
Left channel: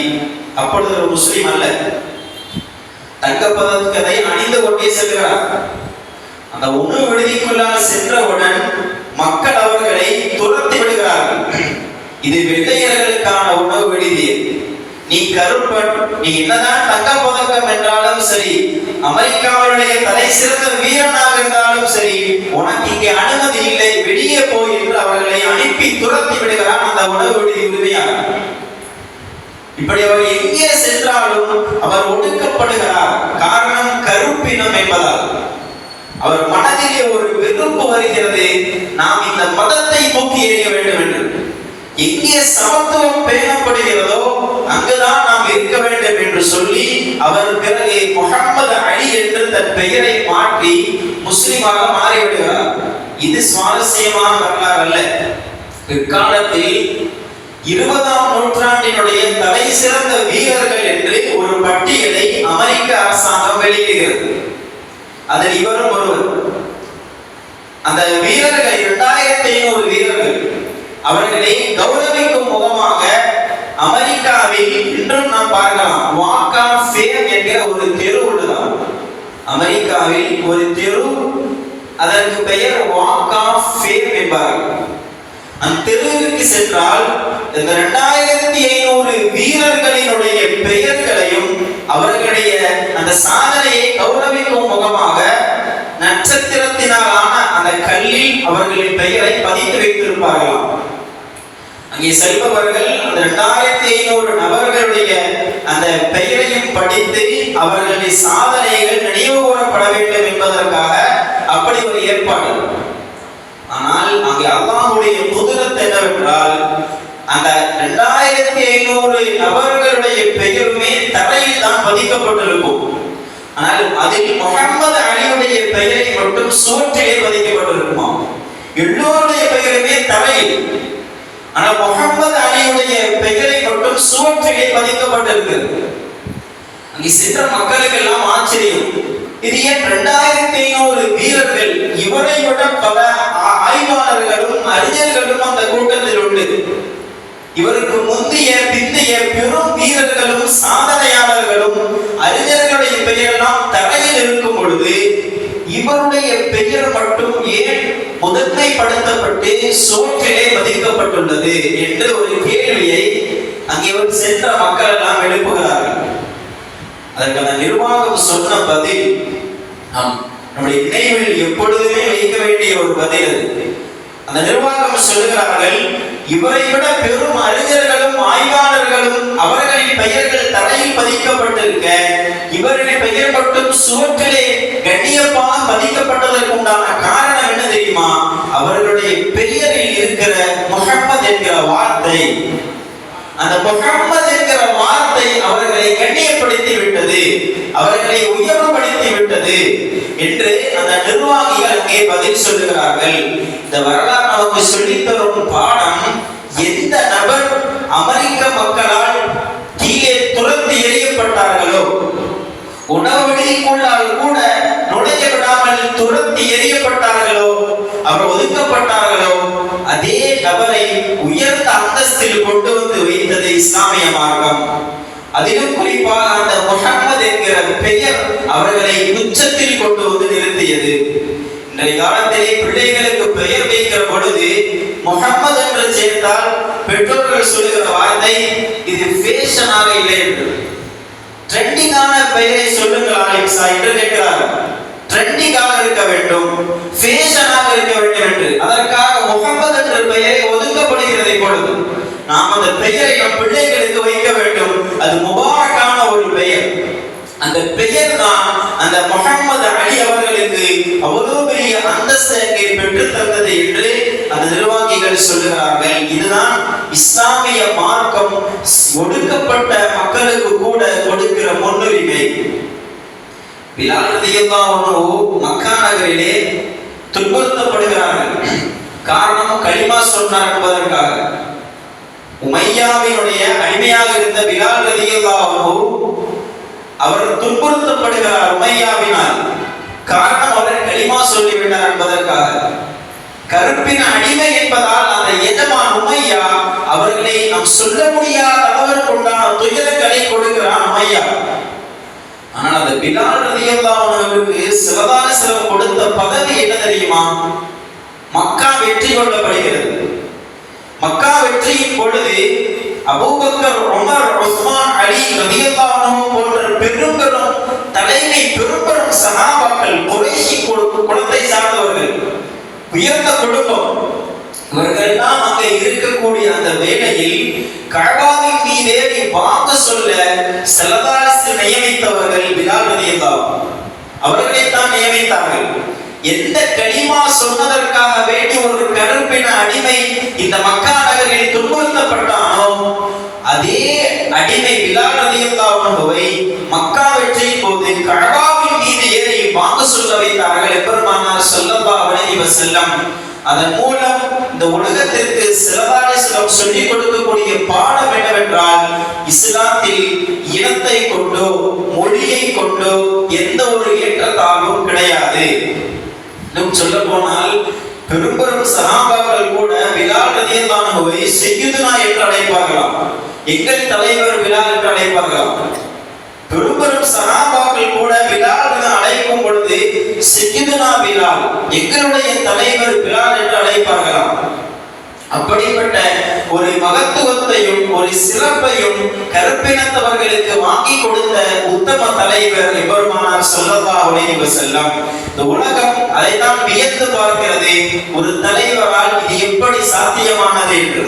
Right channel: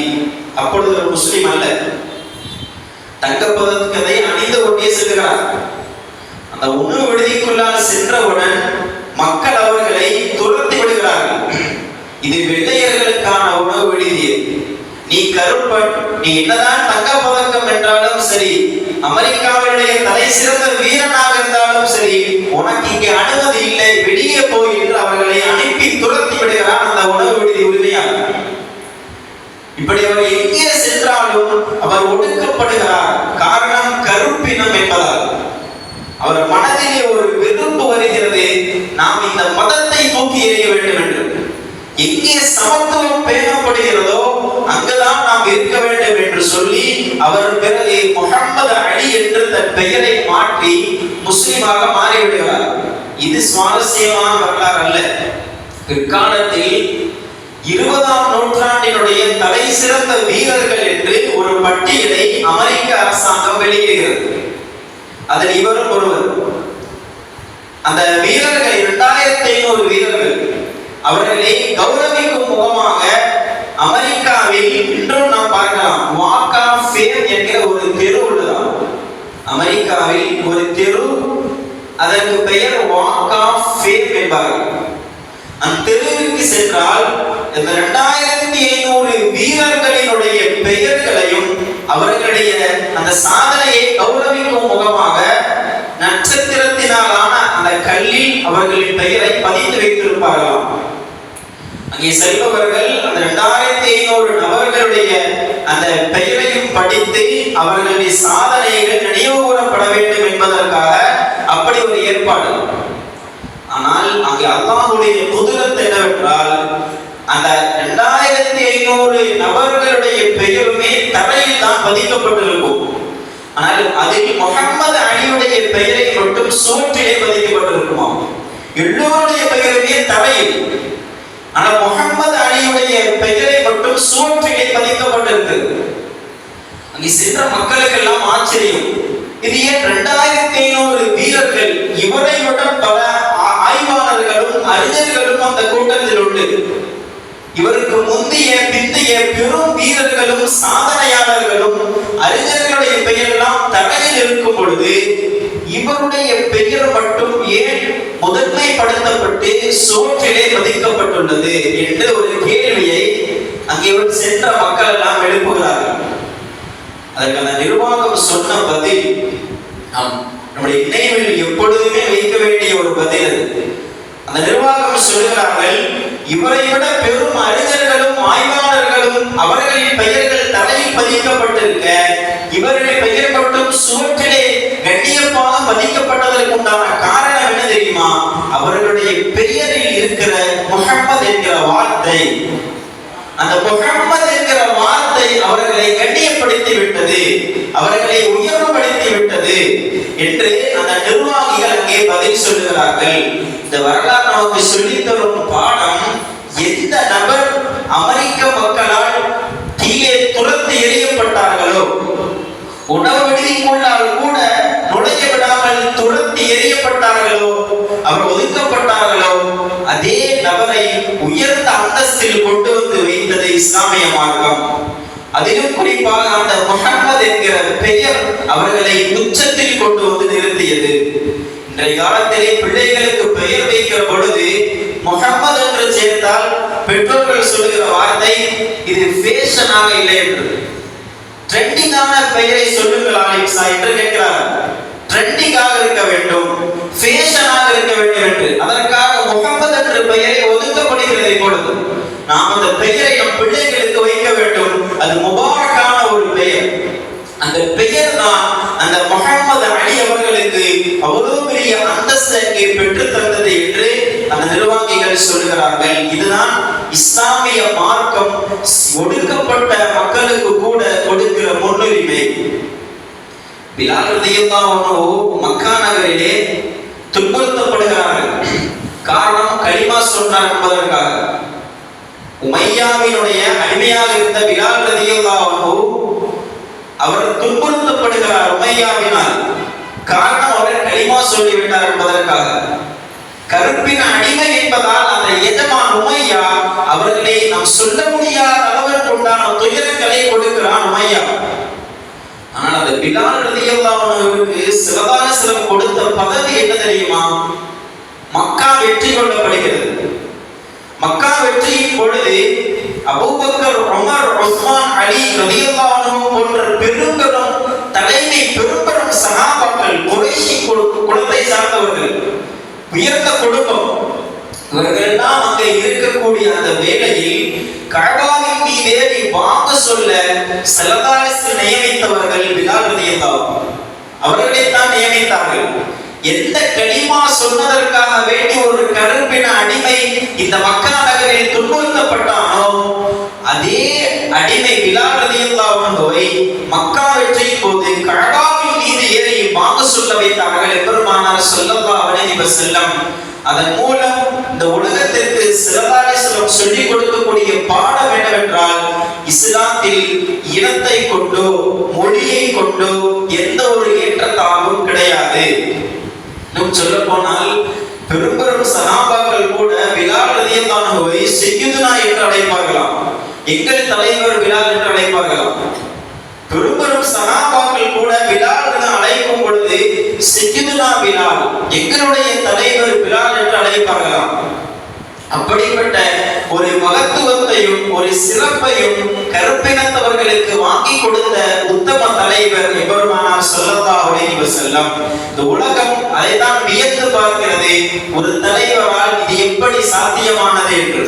அப்பொழுது ஒரு முஸ்லிம் அல்ல. தங்க பதக்கத்தை அணிந்து கொண்டே செல்கிறார். அந்த உணவு விடுதிக்குள்ளால் சென்றவுடன் மக்கள் அவர்களை துரத்தி விடுகிறார்கள். இது வெள்ளையர்களுக்கான உணவு விடுதி, நீ கருப்பன், நீ என்னதான் தங்க பதக்கம் என்றாலும் சரி, அமெரிக்காவுடைய தலை சிறந்த வீரனாக இருந்தாலும் சரி, உனக்கு இங்கே அனுமதி இல்லை, வெளியே போய் என்று அவர்களை அனுப்பி துரத்தி விடுகிறார் அந்த உணவு விடுதி உரிமையாளர். இப்படி அவர் எங்கே சென்றாலும் அவர் ஒடுக்கப்படுகிறார். காரணம் கருப்பினம் என்பதால். அவர் மனதிலே ஒரு வெறுப்பு வருகிறது, நாம் இந்த மதத்தை தூக்கி எறிய வேண்டும் என்று. எங்கே சமத்துவம் பேணப்படுகிறதோ அங்குதான் நாம் இருக்க வேண்டும் என்று சொல்லி அவர் பிறகு முஹம்மது அலி என்று தன் பெயரை மாற்றி முஸ்லிமாக மாறிவிடுகிறார். இது சுவாரஸ்யமான வரலாறு அல்ல. இக்காலத்தில் 20ஆம் நூற்றாண்டினுடைய தலை சிறந்த வீரர்கள் என்று ஒரு பட்டியலை அமெரிக்க அரசாங்கம் வெளியிடுகிறது. அதில் இவரும் ஒருவர். அந்த வீரர்கள் 2500 வீரர்கள். அவர்களை கௌரவிக்கும் முகமாக பார்க்கலாம். வாக் ஆஃப் ஃபேம் என்கிற ஒரு தெரு உள்ளதாம். அமெரிக்காவில் ஒரு தெரு, அதற்கு பெயர் வாக் ஆஃப் ஃபேம் என்பார்கள். அந்த தெருவிற்கு சென்றால் இந்த 2500 வீரர்களினுடைய பெயர்களையும் அவர்களுடைய அந்த சாதனையை கௌரவிக்கும் முகமாக நட்சத்திரத்தினாலான அந்த கல்லில் அவர்களின் பெயரை பதித்து வைத்திருப்பார்களாம். அங்கே செல்பவர்கள் அந்த 2500 நபர்களுடைய அந்த பெயரையும் படித்து அவர்களுடைய சாதனைகள் நினைவு கூறப்பட வேண்டும் என்பதற்காக அப்படி ஒரு ஏற்பாடு. ஆனால் அங்கே அல்லாஹ்வுடைய குதிரத் என்னவென்றால் அந்த 2500 நபர்களுடைய பெயருமே தரையில் தான் பதிக்கப்பட்டிருக்கும். ஆனால் அதில் முஹம்மது அலியுடைய பெயரை மட்டும் சுவற்றிலே பதிக்கப்பட்டிருக்குமா. எல்லோருடைய பெயருமே தரையில், ஆனால் முஹம்மது அலியுடைய பெயரை மட்டும் சுவற்றிலே பதிக்கப்பட்டிருக்கு. அங்கே சென்ற மக்களுக்கு எல்லாம் ஆச்சரியம். இது ஏன் 2500 வீரர்கள்? இவரை விட பல ஆய்வாளர்களும் அறிஞர்களும் அந்த கூட்டத்தில் உண்டு. இவருக்கு முந்தைய பிந்தைய பெரும் வீரர்களும் சாதனையாளர்களும் அறிஞர்களுடைய பெயரெல்லாம் தரையில் இருக்கும் பொழுது இவருடைய பெயர் மட்டும் ஏன் முதன்மைப்படுத்தப்பட்டு சோற்றிலே பதிக்கப்பட்டுள்ளது என்று ஒரு கேள்வியை அங்கே சென்ற மக்கள் எல்லாம் எழுப்புகிறார்கள். அதற்கு அந்த நிர்வாகம் சொன்ன பதில் நம்முடைய நினைவில் எப்பொழுதுமே வைக்க வேண்டிய ஒரு பதில். அந்த நிர்வாகம் சொல்லுகிறார்கள், இவரை விட பெரும் அறிஞர்களும் ஆய்வாளர்களும் அவர்களின் பெயர்கள் தரையில் பதிக்கப்பட்டிருக்க இவர்களின் பெயர் மட்டும் சுவற்றிலே கண்ணியமாக பதிக்கப்பட்டதற்கு உண்டான காரணம் என்ன தெரியுமா? அவர்களுடைய பெயரில் இருக்கிற முஹம்மது என்கிற வார்த்தை, அந்த முஹம்மது என்கிற வார்த்தை அவர்களை கண்ணியப்படுத்தி விட்டது, அவர்களை உயர்வுபடுத்தி விட்டது என்று அந்த நிர்வாகிகள் அங்கே பதில் சொல்லுகிறார்கள். இந்த வரலாறு நமக்கு சொல்லித் தரும் பாடம், எந்த நபர் அமெரிக்க மக்களால் கீழே துரத்தி எறியப்பட்டார்களோ, உணவு விடுதிக்குள்ளால் கூட நுழைய விடாமல் துரத்தி எறியப்பட்டார்களோ, அவர் ஒதுக்கப்பட்டார்களோ, அதே நபரை உயர்ந்த அந்தஸ்தில் கொண்டு வந்து வைத்தது இஸ்லாமிய மார்க்கம். அதிலும் குறிப்பாக அந்த முஹம்மது என்கிற பெயர் அவர்களை உச்சத்தில் கொண்டு வந்து நிறுத்தியது. இன்றைய காலத்திலே பிள்ளைகளுக்கு பெயர் வைக்கிற பொழுது முஹம்மது என்று சேர்த்தால் பெற்றோர்கள் சொல்லுகிற வார்த்தை, இது ஃபேஷனாக இல்லை என்று. ட்ரெண்டிங்கான பெயரை சொல்லுங்கள் ஆலிம்சா என்று கேட்கிறார். ட்ரெண்டிங்காக இருக்க வேண்டும், ஃபேஷனாக இருக்க வேண்டும் என்று. அதற்காக முஹம்மது என்ற பெயரை ஒதுக்கப்படுகிறது. இப்பொழுது நாம் அந்த பெயரை நம் பிள்ளைகளுக்கு வைக்க வேண்டும். அது முபாரக்கான ஒரு பெயர். அந்த பெயர் தான் அந்த முஹம்மது அலி அவர்களுக்கு அவ்வளவு பெரிய அந்தஸ்தை பெற்று தந்தது என்று அந்த நிர்வாகிகள் சொல்லுகிறார்கள். இதுதான் இஸ்லாமிய மார்க்கம் ஒடுக்கப்பட்ட மக்களுக்கு கூட கொடுக்கிற முன்னுரிமை. பிலால் ரலியல்லாஹு அன்ஹு மக்கா நகரிலே துன்புறுத்தப்படுகிறார்கள். காரணம், கலிமா சொன்னார் என்பதற்காக. உமையாவினுடைய அடிமையாக இருந்த பிலால் ரலியல்லாஹு அன்ஹு அவர் துன்புறுத்தப்படுகிறார் உமையாவினால். காரணம், அவர் கலிமா சொல்லிவிட்டார் என்பதற்காக. கருப்பின் அடிமை என்பதால் அந்த எஜமான் உமையா அவர்களை நாம் சொல்ல முடியாத அளவிற்கு உண்டான துயரங்களை கொடுக்கிறான் உமையா. ஆனால் அந்த பிலால் ரலியல்லாஹு அன்ஹுவுக்கு சிறதான சிறப்பு கொடுத்த பதவி என்ன தெரியுமா? மக்கா வெற்றி கொள்ளப்படுகிறது. மக்கா வெற்றியின் பொழுது அபூபக்கர், உமர், உஸ்மான், அலி ரலியல்லாஹு அன்ஹு போன்ற பெரும் தலைமை பெரும் சஹாபாக்கள், குறைஷி குலத்தை சார்ந்தவர்கள், உயர்ந்த குடும்பம், இவர்கள் எல்லாம் அங்கே இருக்கக்கூடிய அந்த வேளையில் கஅபாவின் மீதே வாக்கு சொல்ல ஸல்லல்லாஹு நியமித்தவர்கள் பிலால் ரலியல்லாஹு அன்ஹு. அவர்களைத்தான் நியமித்தார்கள். எந்த கலிமா சொன்னதற்காக வேண்டி ஒரு கருப்பின அடிமை இந்த மக்கா நகரில் துன்புறுத்தப்பட்டானோ, அதே அடிமை பிலால் ரலியல்லாஹு அன்ஹுவை மக்கா வெற்றியின் போது கஅபாவின் மீது ஏறி வாக்கு சொல்ல வைத்தார்கள் பெருமானார் ஸல்லல்லாஹு அலைஹி வஸல்லம். அதன் மூலம் இந்த உலகத்திற்கு ஸல்லல்லாஹு அலைஹி வஸல்லம் சொல்லிக் கொடுக்கக்கூடிய பாடம் என்னவென்றால், இஸ்லாத்தில் இனத்தை கொண்டோ மொழியை கொண்டோ எந்த ஒரு ஏற்றத்தாழ்வும் கிடையாது. இன்னும் சொல்ல போனால் பெரும் சஹாபாக்கள் கூட பிலால் ரலியல்லாஹு அன்ஹுவை சையதுனா என்று அழைப்பார்களாம். எங்கள் தலைவர் பிலால் என்று அழைப்பார்களாம். பெரும் பெரும் சகாபாக்கள் கூட பிலால் என அழைக்கும் பொழுது சையதுனா பிலால், எங்களுடைய தலைவர் பிலால் என்று அழைப்பார்களாம். அப்படிப்பட்ட ஒரு மகத்துவத்தையும் ஒரு சிறப்பையும் கருப்பினத்தவர்களுக்கு வாங்கி கொடுத்த உத்தம தலைவர் எம்பெருமானார் ஸல்லல்லாஹு அலைஹி வஸல்லம். இந்த உலகம் அதைத்தான் வியந்து பார்க்கிறது, ஒரு தலைவரால் இது எப்படி சாத்தியமானது என்று.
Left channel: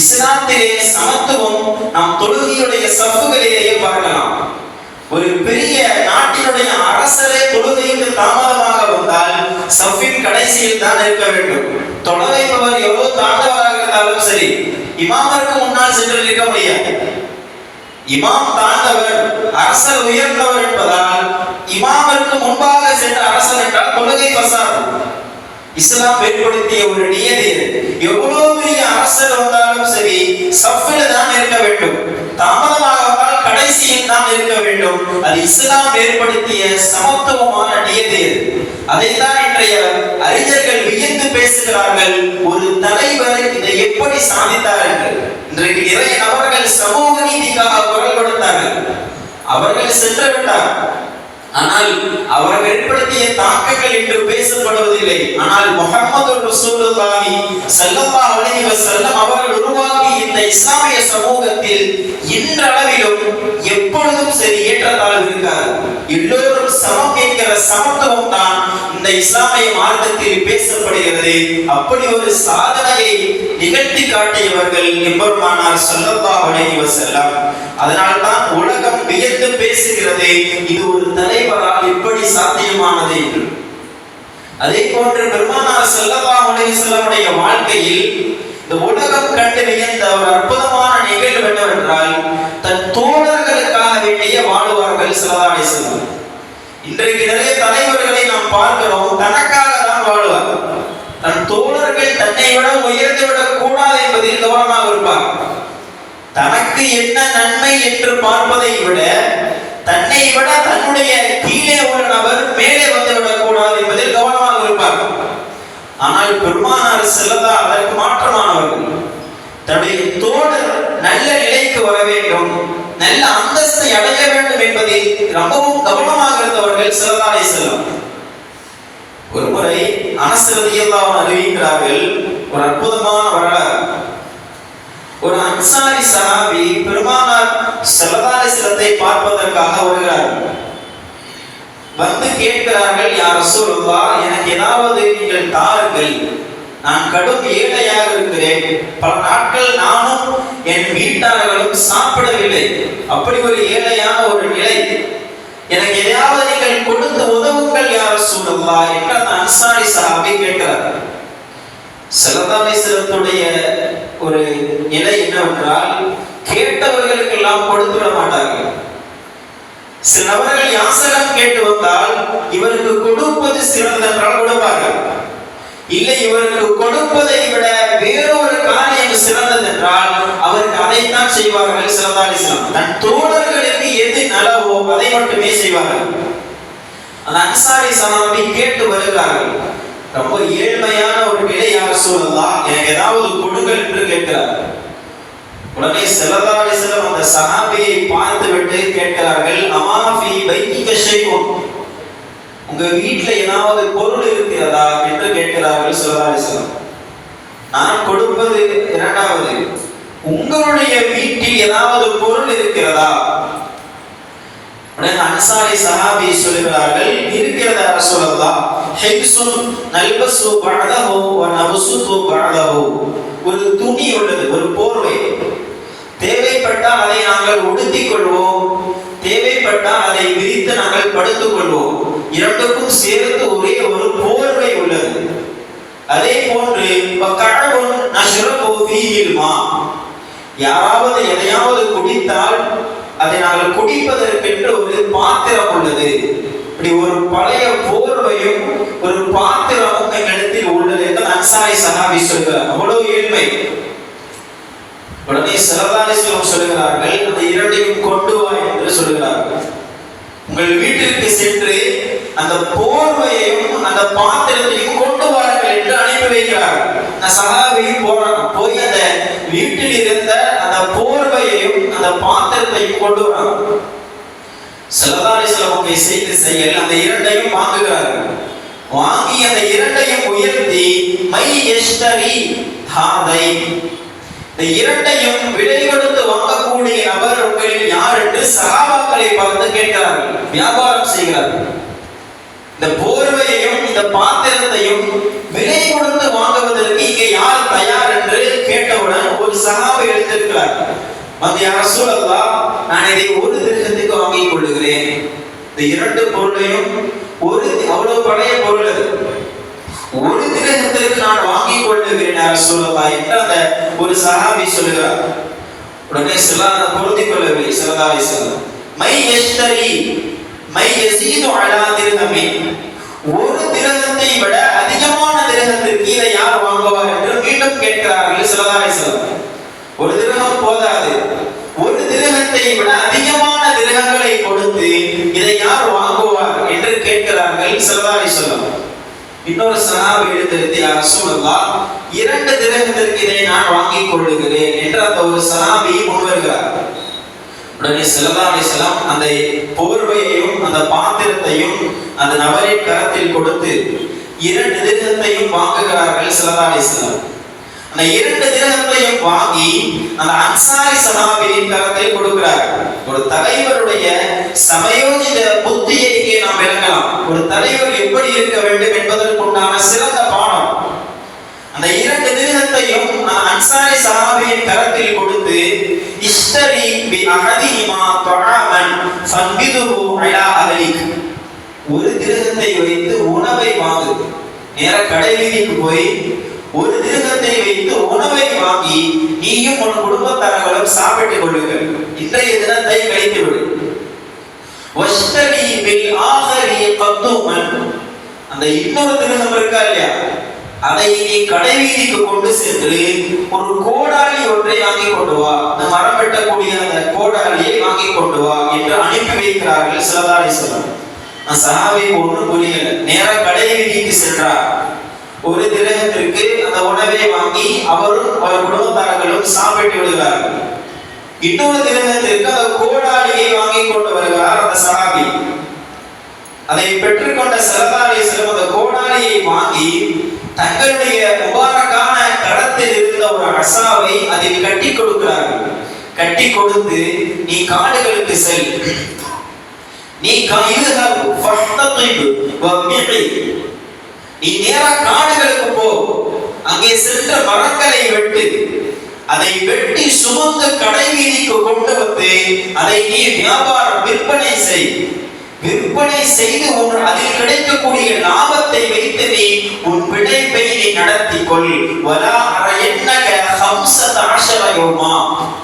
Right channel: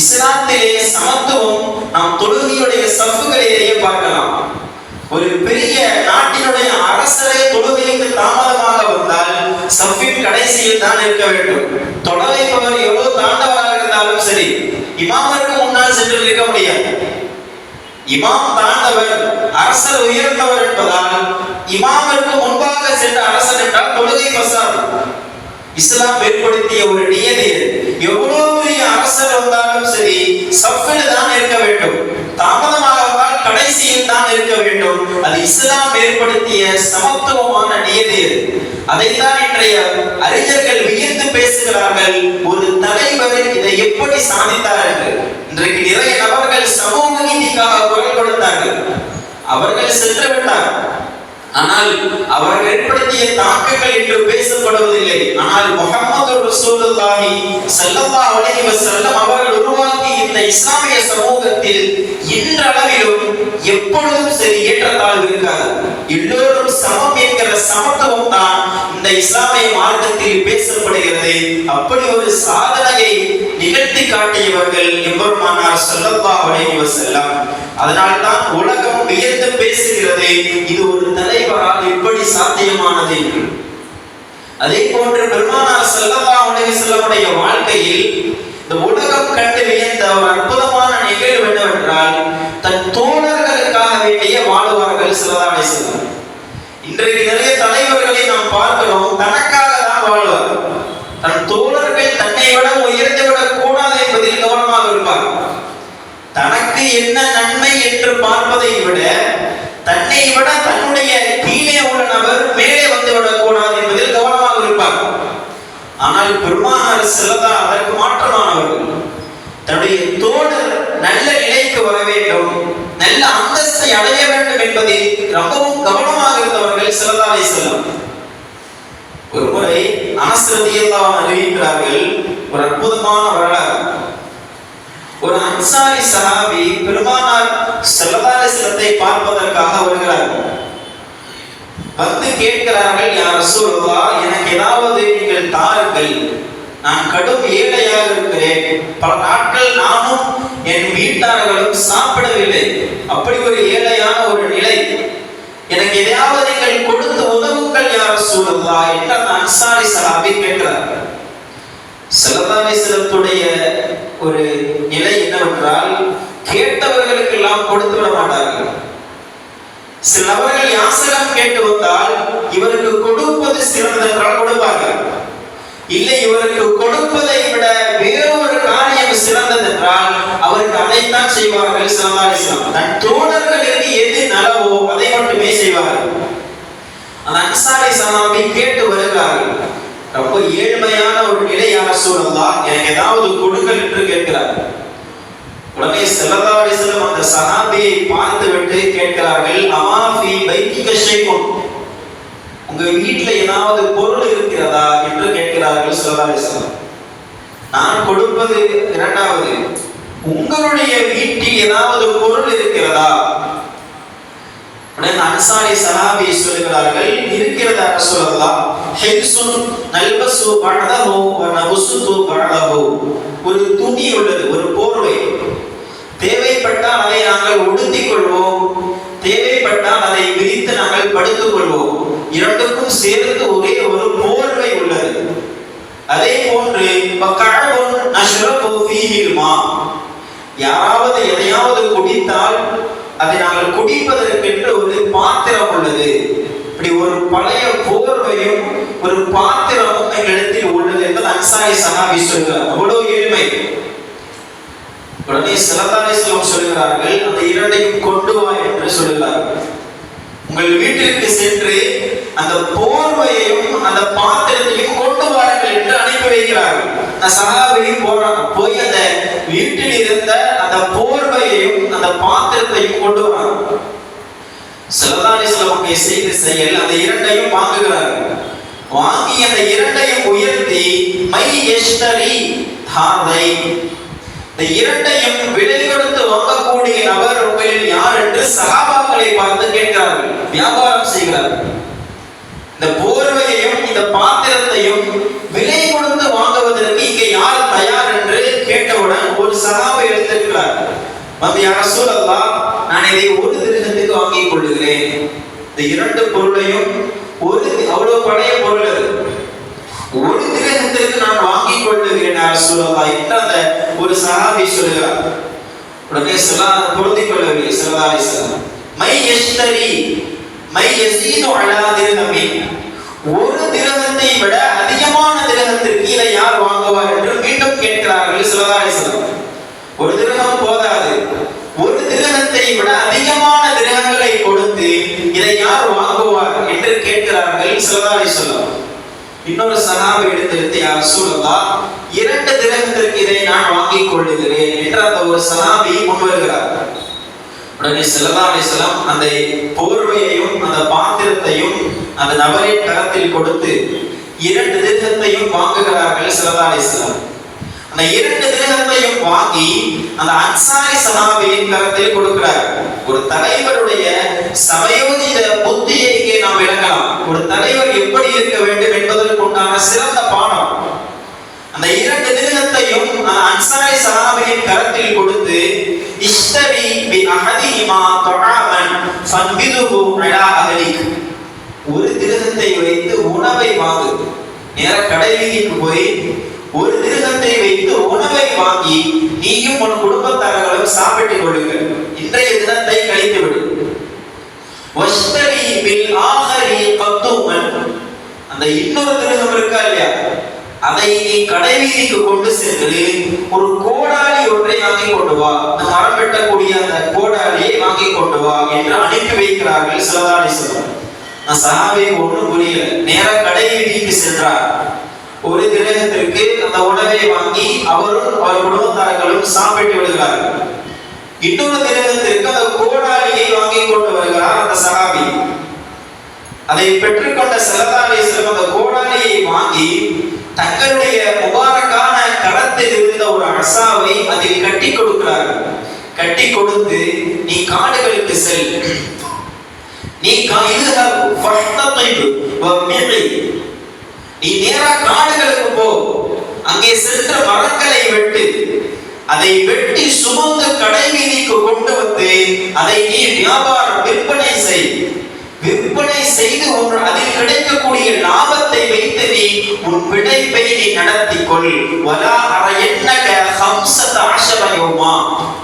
இஸ்லாத்திலே சமத்துவம் நாம் தொழுகையுடைய சஃப்புகளிலேயே பார்க்கலாம். ஒரு பெரிய நாட்டினுடைய அரசரே தொழுகைக்கு தாமதமாக வந்தால் சஃபின் கடைசியில் தான் இருக்க வேண்டும். தொலை வைப்பவர் எவ்வளவு தாண்டவராக இருந்தாலும் சரி, இமாமருக்கு முன்னால் சென்று இருக்க முடியாது. இமாம் தாண்டவர், அரசர் உயர்ந்தவர் என்பதால் இமாமருக்கு முன்பாக சென்று அரசர் என்றால் தொழுகை பசார். இஸ்லாம் ஏற்படுத்திய ஒரு நியதி. எவ்வளவு பெரிய அரசர் வந்தாலும் சரி சஃபில் தான் இருக்க வேண்டும். தாமதமாக வந்தால் கடைசியில் தான் இருக்க வேண்டும். அது இஸ்லாம் ஏற்படுத்திய சமத்துவமான நியதி. அதைத்தான் இன்றைய அறிஞர்கள் வியந்து பேசுகிறார்கள், ஒரு தலைவர் இதை எப்படி சாதித்தார் என்று. இன்றைக்கு நிறைய நபர்கள் சமூக நீதிக்காக குரல் கொடுத்தார்கள், அவர்கள் சென்று விட்டார். ஆனால் அவர்கள் ஏற்படுத்திய தாக்கங்கள் இன்று பேசப்படுவதில்லை. ஆனால் முஹம்மது ரசூலுல்லாஹி ஸல்லல்லாஹு அலைஹி வஸல்லம் அவர்கள் உருவாக்கி இந்த இஸ்லாமிய சமூகத்தில் இன்றளவிலும் எப்பொழுதும் சரி ஏற்றத்தாழ்வு இருக்காது. எல்லோரும் சமம் என்கிற சமத்துவம் தான் இந்த இஸ்லாமிய மார்க்கத்தில் பேசப்படுகிறது. அப்படி ஒரு சாதனையை நிகழ்த்தி காட்டியவர்கள் எம்பெருமானார் ஸல்லல்லாஹு அலைஹி வஸல்லம். அதனால்தான் உலகம் வியந்து பேசுகிறது, இது ஒரு தலைவரால் எப்படி சாத்தியமானது என்று. அதே போன்று பெருமானார் ஸல்லல்லாஹு அலைஹி வஸல்லமுடைய வாழ்க்கையில் இந்த உலகம் கண்டு வியந்த ஒரு அற்புதமான நிகழ்வு என்னவென்றால், தன் தோழர்களுக்காக வேண்டிய வாழுவார்கள் ஸல்லல்லாஹு அலைஹி வஸல்லம். இன்றைக்கு நிறைய தலைவர்களை நாம் பார்க்கிறோம், தனக்காக தான் வாழ்வார். தன் தோழர்கள் தன்னை விட உயர்ந்து விடக் கூடாது என்பதில் கவனமாக இருப்பார். தனக்கு என்ன நன்மை என்று பார்ப்பதை விட தன்னை விட தன்னுடைய கீழே உள்ள நபர் மேலே வந்து விடக்கூடாது என்பதில் கவனமாக இருப்பார். ஆனால் பெருமானார் ஸல்லல்லாஹு அதற்கு மாற்றமானவர்கள். தன்னுடைய தோழர் நல்ல நிலைக்கு வர வேண்டும், நல்ல அந்தஸ்தை அடைய வேண்டும் என்பதில் ரொம்பவும் கவனமாக இருந்தவர்கள் ஸல்லல்லாஹு அலைஹி வஸல்லம். ஒருமுறை அனஸ் ரலியல்லாஹு அன்ஹு அறிவிக்கிறார்கள், ஒரு அற்புதமான வரலாறு. ஒரு அன்சாரி சஹாபி பெருமானார் ஸல்லல்லாஹு அலைஹி வஸல்லத்தை பார்ப்பதற்காக வருகிறார்கள். வந்து கேட்கிறார்கள், யா ரசூலுல்லாஹ், எனக்கு ஏதாவது நீங்கள் தாருங்கள், நான் கடும் ஏழையாக இருக்கிறேன், பல நாட்கள் நானும் என் வீட்டார்களும் சாப்பிடவில்லை, அப்படி ஒரு ஏழையான ஒரு நிலை, எனக்கு எதையாவது நீங்கள் கொடுத்து உதவுங்கள் யா ரசூலுல்லாஹ் என்று அந்த அன்சாரி சஹாபி கேட்கிறார். ஸல்லல்லாஹு அலைஹி வஸல்லத்துடைய ஒரு நிலை என்னவென்றால், கேட்டவர்களுக்கு எல்லாம் கொடுத்து விட மாட்டார்கள். சில நபர்கள் யாசகம் கேட்டு வந்தால் இவருக்கு கொடுப்பது சிறந்தது என்றால் கொடுப்பார்கள். இல்லை, இவருக்கு கொடுப்பதை விட வேறொரு காரியம் சிறந்தது என்றால் அவருக்கு அதைத்தான் செய்வார்கள். ஸல்லல்லாஹு அலைஹி வஸல்லம் தன் தோழர்களுக்கு எது நலவோ அதை மட்டுமே செய்வார்கள். அந்த அன்சாரி சஹாபி கேட்டு வருகிறார்கள், ரொம்ப ஏழ்மையான ஒரு நிலை, யா ரசூலல்லாஹ், எனக்கு ஏதாவது கொடுங்கள் என்று கேட்கிறார். உடனே ஸல்லல்லாஹு அலைஹி வஸல்லம் அந்த சஹாபியை பார்த்துவிட்டு கேட்கிறார்கள், அமா ஃபீ பைத்திக ஷைஉன், உங்க வீட்ல ஏதாவது பொருள் இருக்கிறதா என்று கேட்கிறார்கள் ஸல்லல்லாஹு அலைஹி வஸல்லம். நான் கொடுப்பது இரண்டாவது, உங்களுடைய வீட்டில் ஏதாவது பொருள் இருக்கிறதா? உடனே அன்சாரி சஹாபி சொல்கிறார்கள், இருக்கிறதா ரசூலல்லாஹ், ஹிப்சுன் நல்பசு பஅதஹு வ நபசுது பஅதஹு, ஒரு துணி உள்ளது, ஒரு போர்வை, தேவைப்பட்டால் அதை நாங்கள் உடுத்திக் கொள்வோம், தேவைப்பட்டால் அதை விரித்து நாங்கள் படுத்துக் கொள்வோம், இரண்டுக்கும் சேர்த்து ஒரே ஒரு போர்வை உள்ளது. அதே போன்று வகஅவுன் நஷ்ரபு ஃபீஹில் மா, யாராவது எதையாவது குடித்தால் அதை நாங்கள் குடிப்பதற்கென்று ஒரு பாத்திரம் உள்ளது. இப்படி ஒரு பழைய போர்வையும் ஒரு பாத்திரமும் எங்களிடத்தில் உள்ளது என்பது அன்சாரி சஹாபி சொல்கிறார். அவ்வளவு ஏழ்மை. உடனே ஸல்லல்லாஹு அலைஹி வஸல்லம் சொல்கிறார்கள், அந்த இரண்டையும் கொண்டு வா என்று சொல்கிறார்கள். உங்கள் வீட்டிற்கு சென்று அந்த போர்வையையும் அந்த பாத்திரத்தையும் கொண்டு வாருங்கள் என்று அனுப்பி வைக்கிறார்கள். அந்த சஹாபியும் போறாங்க, போய் அந்த வீட்டில் இருந்த அந்த போர்வையையும் அந்த பாத்திரத்தையும் கொண்டு வராங்க. ஸல்லல்லாஹு அலைஹி வஸல்லம் செய்த செயல் அந்த இரண்டையும் வாங்குகிறார்கள். வாங்கி அந்த இரண்டையும் உயர்த்தி மை யஷ்தரி ஹாதை, இந்த இரண்டையும் விலை கொடுத்து வாங்கக்கூடிய நபர் உங்களில் யார் என்று சஹாபாக்களை பார்த்து கேட்கிறார்கள், வியாபாரம் செய்கிறார்கள். இந்த போர்வையையும் இந்த பாத்திரத்தையும் விலை கொடுத்து வாங்குவதற்கு இங்கே யார் தயார் என்று கேட்டவுடன் ஒரு சஹாபி எடுத்திருக்கிறார். வந்து யா ரசூலல்லாஹ், நான் இதை ஒரு திர்ஹத்துக்கு வாங்கிக் கொள்ளுகிறேன். இந்த இரண்டு பொருளையும் ஒரு அவ்வளவு பழைய பொருள் அது, ஒரு திர்ஹத்துக்கு நான் வாங்கிக் கொள்ளுகிறேன் யா ரசூலல்லாஹ் என்று அந்த ஒரு சஹாபி சொல்லுகிறார். உடனே ஸல்லல்லாஹு பொருந்திக் கொள்ளவில்லை. ஸல்லல்லாஹு அலைஹி வஸல்லம் மை யஷ்தரி மை யஸீது அலா திர்ஹமின், ஒரு திர்ஹத்தை விட அதிகமான திர்ஹத்திற்கு இதை யார் வாங்குவார் என்று மீண்டும் கேட்கிறார்கள் ஸல்லல்லாஹு அலைஹி வஸல்லம். ஒரு திர்ஹம் போதாது, ஒரு திர்ஹத்தை விட அதிகமான திர்ஹங்களை கொடுத்து இதை யார் வாங்குவார் என்று கேட்கிறார்கள் ஸல்லல்லாஹு அலைஹி வஸல்லம். இன்னொரு சஹாபி எடுத்து யா ரசூலல்லாஹ், இரண்டு திர்ஹத்திற்கு இதை நான் வாங்கிக் கொள்ளுகிறேன் என்று அந்த ஒரு சஹாபி முன்வருகிறார். உடனே ஸல்லல்லாஹு அலைஹி வஸல்லம் அந்த போர்வையையும் அந்த பாத்திரத்தையும் அந்த நபரின் கரத்தில் கொடுத்து இரண்டு திர்ஹத்தையும் வாங்குகிறார்கள் ஸல்லல்லாஹு அலைஹி வஸல்லம். அந்த இரண்டு திர்ஹத்தையும் வாங்கி அந்த அன்சாரி சஹாபியின் கரத்தில் கொடுக்கிறார். ஒரு தலைவருடைய சமயோஜித புத்தியை இங்கே நாம் விளங்கலாம். ஒரு தலைவர் எப்படி இருக்க வேண்டும் என்பதற்குண்டான சிறந்த பாடம். அந்த இரண்டு திர்ஹத்தையும் அன்சாரி சஹாபியின் கரத்தில் கொடுத்து இஷ்தரி பி அஹதிஹிமா துஆமன் ஃபன்பிதுஹு அலா அஹலிக், ஒரு திர்ஹத்தை வைத்து உணவை வாங்கு. நேர கடை வீதிக்கு போய் ஒரு திர்ஹத்தை வைத்து உணவை வாங்கி நீயும் உன் குடும்பத்தார்களும் சாப்பிட்டுக் கொள்ளுங்கள். இன்றைய தினத்தை கழித்து விடு. வஷ்தரி பில் ஆஹரி கத்துமன், அந்த இன்னொரு திர்ஹம் இருக்கா இல்லையா, அதை நீ கடை வீதிக்கு கொண்டு சென்று ஒரு கோடாலி ஒன்றை வாங்கி கொண்டு வா, மரம் வெட்டக்கூடிய அந்த கோடாலியை வாங்கி கொண்டு வா என்று அனுப்பி வைக்கிறார்கள் ஸல்லல்லாஹு அலைஹி வஸல்லம். சஹாபி ஒன்றும் புரியல. நேர கடை வீதிக்கு சென்றார். ஒரு திர்ஹத்திற்கு அந்த உணவை வாங்கி அவரும் அவர் குடும்பத்தார்களும் சாப்பிட்டு விடுகிறார்கள். இன்னொரு திர்ஹத்திற்கு அந்த கோடாலியை வாங்கி கொண்டு வருகிறார் அந்த சஹாபி. அதை பெற்றுக்கொண்ட ஸல்லல்லாஹு அலைஹி வஸல்லம் அந்த கோடாலியை வாங்கி தங்களுடைய முபாரக்கான கடத்தில் இருந்த ஒரு அசாவை அதில் கட்டி கொடுக்கிறார்கள். கட்டி கொடுத்து நீ காடுகளுக்கு செல், நீ நீ நேரா காடுகளுக்கு போ, அங்கே சென்ற மரங்களை வெட்டு, அதை வெட்டி சுமந்து கடை வீதிக்கு கொண்டு வந்து அதை நீ வியாபாரம் விற்பனை செய். விற்பனை செய்து அதில் கிடைக்கக்கூடிய லாபத்தை வைத்து நீ உன் பிழைப்பை நீ நடத்திக் கொள். வலா அரயன்னக 15 யௌமா,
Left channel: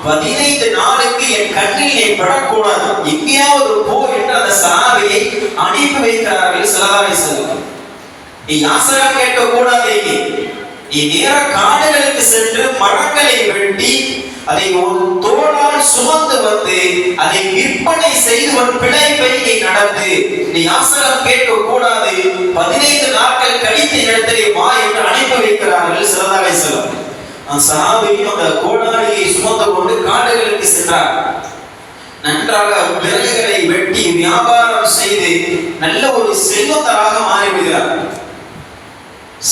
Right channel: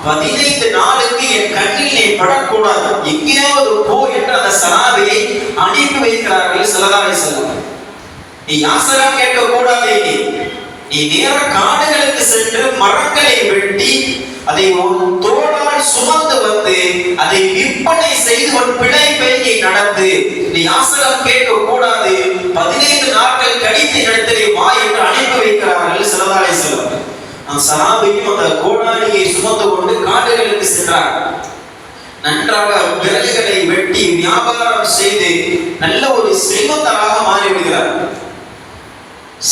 15 நாளுக்கு என் கண்ணில் நீ படக்கூடாது, எங்கேயாவது போ என்று அந்த சஹாபியை அனுப்பி வைக்கிறார்கள் ஸல்லல்லாஹு அலைஹி வஸல்லம். நீ யாசகம் கேட்க கூடாது, நீ நேர காடுகளுக்கு சென்று மரங்களை வெட்டி அதை ஒரு தோளால் சுமந்து வந்து அதை விற்பனை செய்து ஒரு பிழைப்பை நீ நடத்து. நீ யாசகம் கேட்க கூடாது, 15 நாட்கள் கழித்து இடத்திலே வா என்று அனுப்பி வைக்கிறார்கள் ஸல்லல்லாஹு அலைஹி வஸல்லம். சஹாபியும் அந்த கோடாலியை சுமந்து கொண்டு காடுகளுக்கு சென்றார். நன்றாக விறகுகளை வெட்டி வியாபாரம் செய்து நல்ல ஒரு செல்வந்தராக மாறிவிடுகிறார்.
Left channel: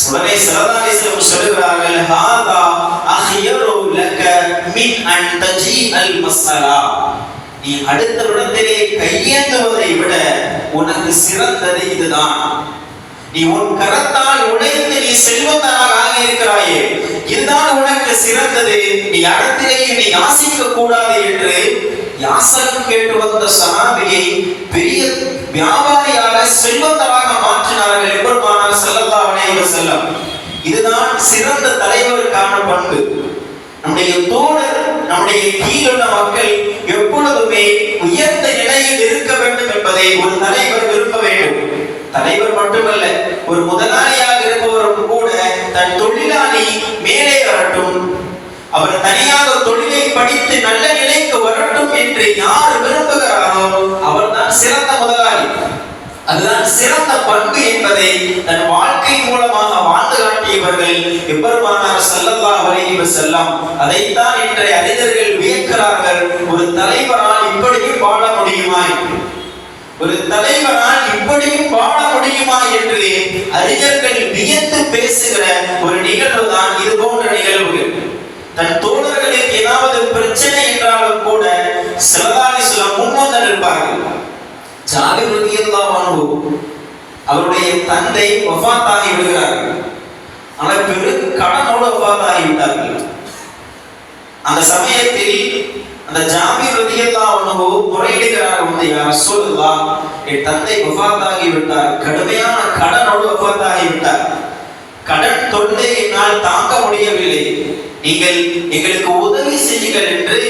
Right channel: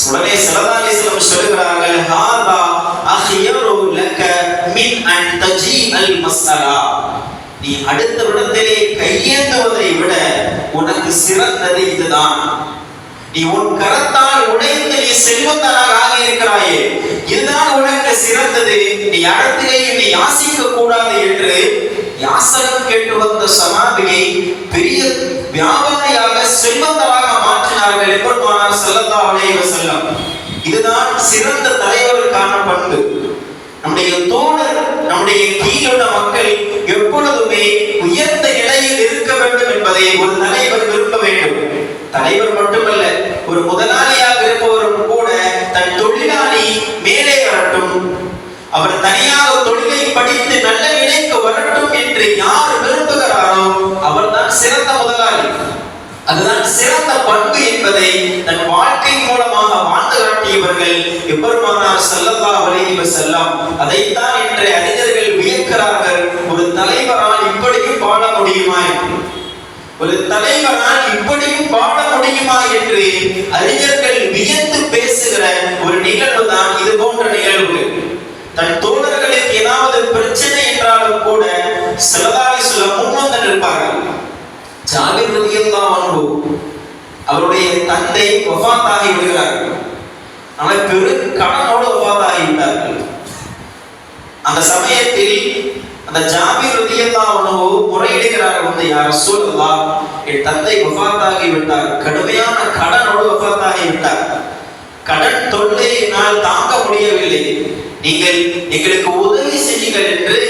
உடனே ஸல்லல்லாஹு அலைஹி வஸல்லம் சொல்கிறார்கள், ஹாதா அஹ்யரு லக மின் அன் தஜீஅல் மஸ்அலா, நீ அடுத்த இடத்திலே கையேந்துவதை விட உனக்கு சிறந்தது இதுதான். நீ உன் கரத்தால் உழைத்து நீ செல்வந்தனாக ஆகி இருக்கிறாயே, இதுதான் உனக்கு சிறந்தது. நீ அடுத்திலேயே நீ யாசிக்க கூடாது என்று யாசகம் கேட்டு வந்த சஹாபியை பெரிய வியாபாரியாக செல்வந்தராக மாற்றினார்கள் எம்பெருமானார் ஸல்லல்லாஹு அலைஹி வஸல்லம். இதுதான் சிறந்த தலைவருக்கான பண்பு. நம்முடைய தோழர், நம்முடைய கீழுள்ள மக்கள் எப்பொழுதுமே உயர்ந்த நிலையில் இருக்க வேண்டும் என்பதை ஒரு தலைவர் விரும்ப வேண்டும். தலைவர் மட்டுமல்ல, ஒரு முதலாளியாக இருப்பவரும் கூட தன் தொழிலாளி மேலே வரட்டும், அவர் தனியாக தொழிலை படித்து நல்ல நிலைக்கு வரட்டும் என்று யார் விரும்புகிறாரோ அவர்தான் சிறந்த முதலாளி. அதுதான் சிறந்த பண்பு என்பதை தன் வாழ்க்கை மூலமாக வாழ்ந்து காட்டியவர் செய்தவர்கள் எம்பெருமானார் ஸல்லல்லாஹு அலைஹி வஸல்லம். அதைத்தான் இன்றைய அறிஞர்கள் வியக்கிறார்கள். ஒரு தலைவரால் இப்படியும் வாழ முடியுமா, ஒரு தலைவனால் இப்படியும் வாழ முடியுமா என்று அறிஞர்கள் வியந்து பேசுகிற ஒரு நிகழ்வு தான் இது போன்ற நிகழ்வுகள். தன் தோழர்களுக்கு ஏதாவது பிரச்சனை என்றாலும் கூட ஸல்லல்லாஹு அலைஹி வஸல்லம் முன்வந்து நிற்பார்கள். ஜாபிர் ரலியல்லாஹு அன்ஹு அவருடைய தந்தை வஃபாத்தாகி விடுகிறார்கள். அவர் பெரும் கடனோடு வஃபாத்தாகி விட்டார்கள். அந்த சமயத்தில் அந்த ஜாபிர் ரலியல்லாஹு அன்ஹு முறையிடுகிறார், வந்து யா ரசூலல்லாஹ், என் தந்தை வஃபாத்தாகி விட்டார், கடுமையான கடனோடு வஃபாத்தாகி விட்டார், கடன் தொல்லை என்னால் தாங்க முடியவில்லை, நீங்கள் எங்களுக்கு உதவி செய்யுங்கள் என்று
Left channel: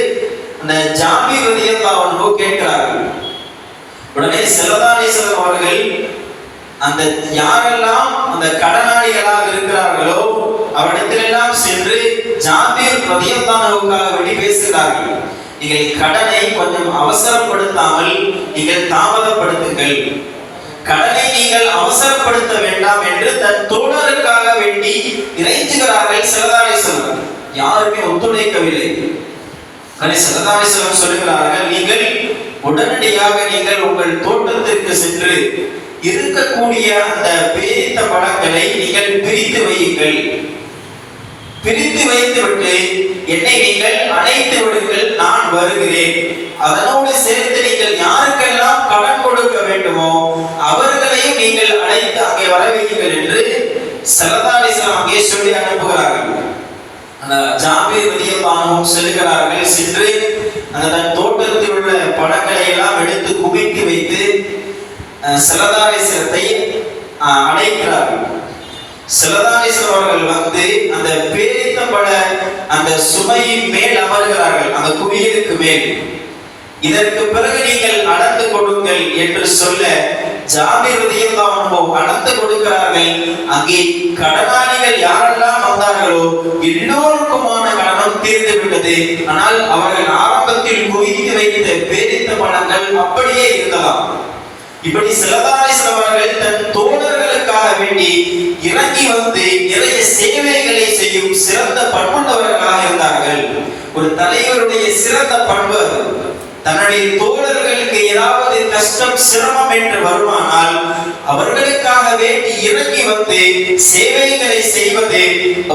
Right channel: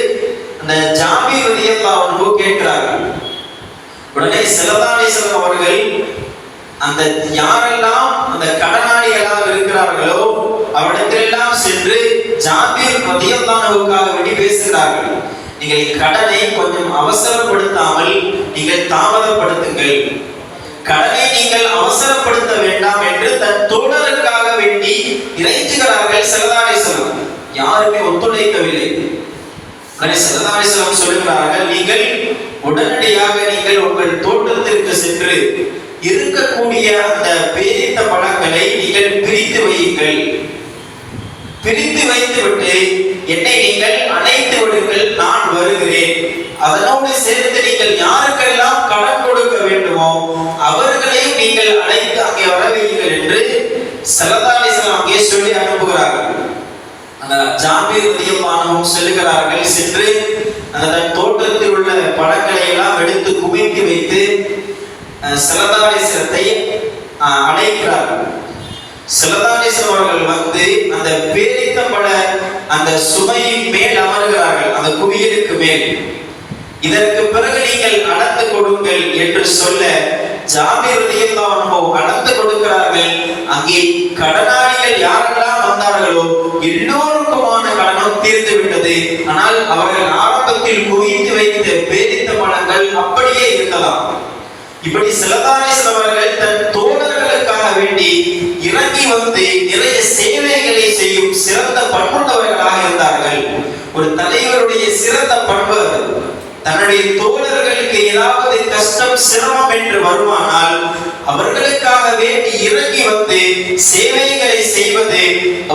அந்த ஜாபிர் ரலியல்லாஹு அன்ஹு கேட்கிறார்கள். உடனே ஸல்லல்லாஹு அலைஹி வஸல்லம் அவர்கள் அந்த யாரெல்லாம் அந்த கடனாளிகளாக இருக்கிறார்களோ அவரிடத்திலெல்லாம் சென்று ஜாபிர் ரலியல்லாஹு அன்ஹுக்காக வேண்டி பேசுகிறார்கள். நீங்கள் கடனை கொஞ்சம் அவசரப்படுத்தாமல் நீங்கள் தாமதப்படுத்துங்கள், கடனை நீங்கள் அவசரப்படுத்த வேண்டாம் என்று தன் தோழருக்காக வேண்டி இறைஞ்சுகிறார்கள் ஸல்லல்லாஹு அலைஹி வஸல்லம். யாருமே ஒத்துழைக்கவில்லை. ஸல்லல்லாஹு அலைஹி வஸல்லம் சொல்லுகிறார்கள், நீங்கள் உடனடியாக நீங்கள் உங்கள் தோட்டத்திற்கு சென்று இருக்கக்கூடிய அந்த பேரித்த பழங்களை நீங்கள் பிரித்து வையுங்கள், பிரித்து வைத்துவிட்டு என்னை நீங்கள் அழைத்து விடுங்கள், நான் வருகிறேன், அதனோடு சேர்த்து நீங்கள் யாருக்கெல்லாம் கடன் கொடுக்க வேண்டுமோ அவர்களையும் நீங்கள் அழைத்து அங்கே வர வையுங்கள் என்று ஸல்லல்லாஹு அலைஹி வஸல்லம் அங்கே சொல்லி அனுப்புகிறார்கள். அந்த ஜாபிர் ரலியல்லாஹு அன்ஹு சொல்லுகிறார்கள், சென்று அந்த தோட்டத்தில் உள்ள பழங்களை எல்லாம் எடுத்து குவித்து வைத்து ஸல்லல்லாஹு அலைஹி வஸல்லத்தை அழைக்கிறார்கள். ஸல்லல்லாஹு அலைஹி வஸல்லம் அவர்கள் வந்து அந்த பேரித்தம்பழ அந்த சுமையின் மேல் அமர்கிறார்கள், அந்த குவியலுக்கு மேல். இதற்கு பிறகு நீங்கள் அளந்து கொடுங்கள் என்று சொல்ல ஜாபிர் ரலியல்லாஹு அன்ஹு அளந்து கொடுக்கிறார்கள். அங்கே கடனாளிகள் யாரெல்லாம் வந்தார்களோ எல்லோருக்குமான கடனும் தீர்ந்து விட்டது. ஆனால் அவர்கள் ஆரம்பத்தில் குவித்து வைத்த பேரித்த பழங்கள் அப்படியே இருந்ததாம். இப்படி ஸல்லல்லாஹு அலைஹி வஸல்லம் அவர்கள் தன் தோழர்களுக்காக வேண்டி இறங்கி வந்து நிறைய சேவைகளை செய்யும் சிறந்த பண்புள்ளவர்களாக இருந்தார்கள். ஒரு தலைவருடைய சிறந்த பண்பு தன்னுடைய தோழர்களுக்கு ஏதாவது கஷ்டம் சிரமம் என்று வருமானால் அவர்களுக்காக வேண்டி இறங்கி வந்து சேவைகளை செய்வது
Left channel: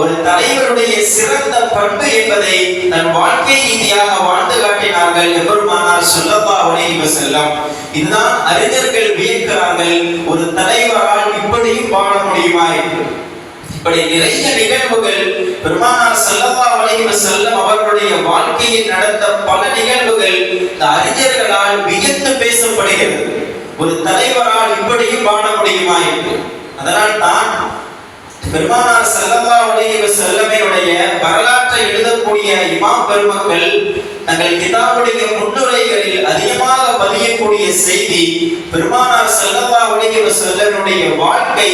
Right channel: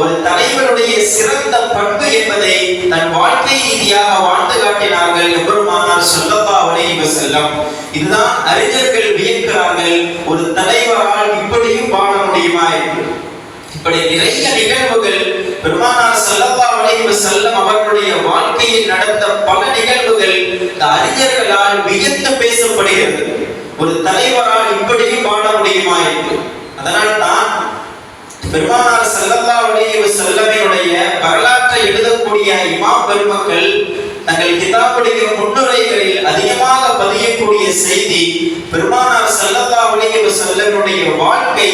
ஒரு தலைவருடைய சிறந்த பண்பு என்பதை தன் வாழ்க்கை ரீதியாக வாழ்ந்து காட்டினார்கள் எம்பெருமானார் ஸல்லல்லாஹு அலைஹி வஸல்லம். இதுதான் அறிஞர்கள் வியக்கிறார்கள், ஒரு தலைவரால் இப்படியும் வாழ முடியுமா என்று. இப்படி நிறைய நிகழ்வுகள் பெருமானார் ஸல்லல்லாஹு அலைஹி வஸல்லம் அவர்களுடைய வாழ்க்கையில் நடந்த பல நிகழ்வுகள் இந்த அறிஞர்களால் வியந்து பேசப்படுகிறது. ஒரு தலைவரால் இப்படியும் வாழ முடியுமா என்று. அதனால் தான் பெருமானார் ஸல்லல்லாஹு அலைஹி வஸல்லமுடைய வரலாற்றை எழுதக்கூடிய இமாம் பெருமக்கள் தங்கள் கிதாபுடைய முன்னுரைகளில் அதிகமாக பதியக்கூடிய செய்தி, பெருமானார் ஸல்லல்லாஹு அலைஹி வஸல்லமுடைய வாழ்க்கை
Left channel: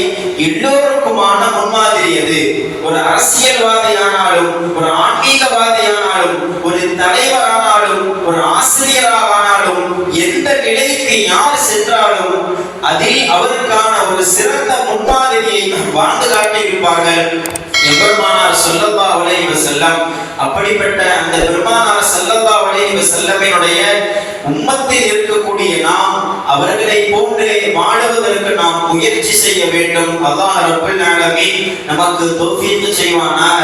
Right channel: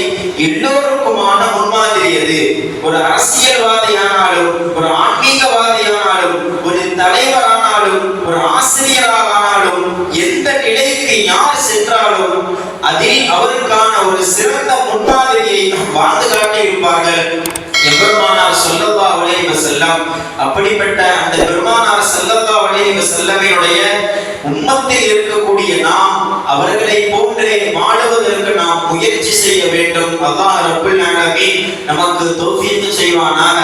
எல்லோருக்குமான முன்மாதிரி. அது ஒரு அரசியல்வாதியானாலும், ஒரு ஆன்மீகவாதியானாலும், ஒரு தலைவரானாலும், ஒரு ஆசிரியரானாலும், எந்த நிலைக்கு யார் சென்றாலும் அதில் அவருக்கான ஒரு சிறந்த முன்மாதிரியை வாழ்ந்து காட்டியிருப்பார்கள் எம்பெருமானார் ஸல்லல்லாஹு அலைஹி வஸல்லம். அப்படிப்பட்ட அந்த பெருமானார் ஸல்லல்லாஹு அலைஹி வஸல்லமினுடைய உம்மத்தில் இருக்கக்கூடிய நாம் அவர்களை போன்றே வாழுவதற்கு நாம் முயற்சி செய்ய வேண்டும். அல்லாஹ் ரப்பல் ஆலமீன் நமக்கு தௌஃபீக் செய்வானாக.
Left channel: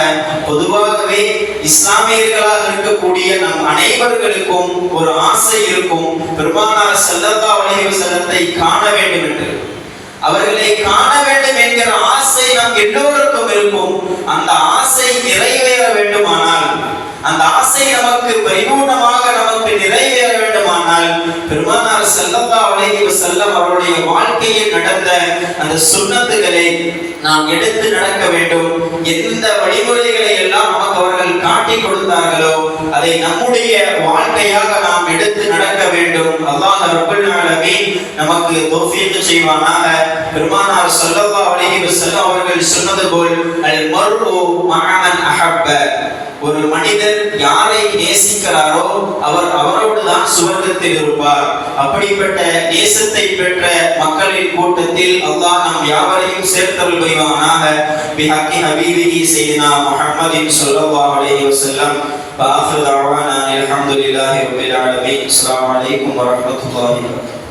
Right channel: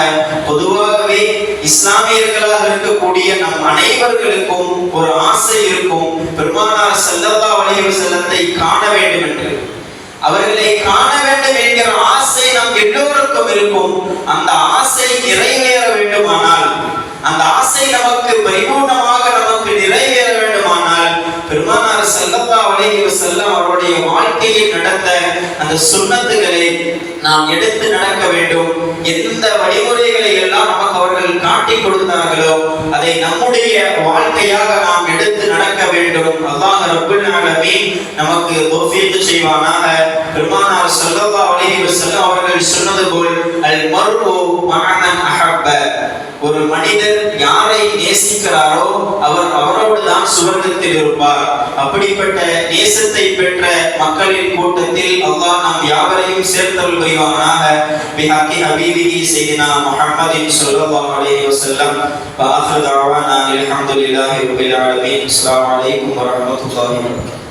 பொதுவாகவே இஸ்லாமியர்களாக இருக்கக்கூடிய நம் அனைவர்களுக்கும் ஒரு ஆசை இருக்கும், பெருமானார் ஸல்லல்லாஹு அலைஹி வஸல்லத்தை காண வேண்டும் என்று. அவர்களை காண வேண்டும் என்கிற ஆசை நம் எல்லோருக்கும் இருக்கும். அந்த ஆசை நிறைவேற வேண்டுமானால், அந்த ஆசை நமக்கு பரிபூர்ணமாக நமக்கு நிறைவேற வேண்டுமானால் பெருமானார் ஸல்லல்லாஹு அலைஹி வஸல்லம் அவருடைய வாழ்க்கையில் நடந்த அந்த சுன்னத்துகளை நாம் எடுத்து நடக்க வேண்டும். எந்த வழிமுறைகளை எல்லாம் நமக்கு அவர்கள் காட்டி கொடுத்தார்களோ அதை நம்முடைய வாழ்க்கையாக நாம் எடுத்து நடக்க வேண்டும். அல்லாஹ் ரப்பல் ஆலமீன் நமக்கு தௌஃபீக் செய்வானாக. பெருமானார் ஸல்லல்லாஹு அலைஹி வஸல்லம் அவர்கள் சொன்னது போல் அல் மர்உ மஅமன் அஹப்ப, ஒரு மனிதர் யாரை நேசிக்கிறாரோ அவர் அவரோடு தான் சுவர்க்கத்தில் இருப்பார். அப்படிப்பட்ட நேசத்தை பெற்ற மக்களின் கூட்டத்தில் அல்லாஹ் நம் யாவரையும் சேர்த்தருள் புரிவானாக. பிஹக்கி ஹபீபிஹி ஸையிதுனா முஹம்மதின் ஸல்லல்லாஹு அலைஹி வஸல்லம். வ ஆখিরு தஅவானா அல்ஹம்துலில்லாஹி ரப்பில் ஆலமீன். அஸ்ஸலாமு அலைக்கும் வ ரஹ்மத்துல்லாஹி வ பரகாத்துஹு.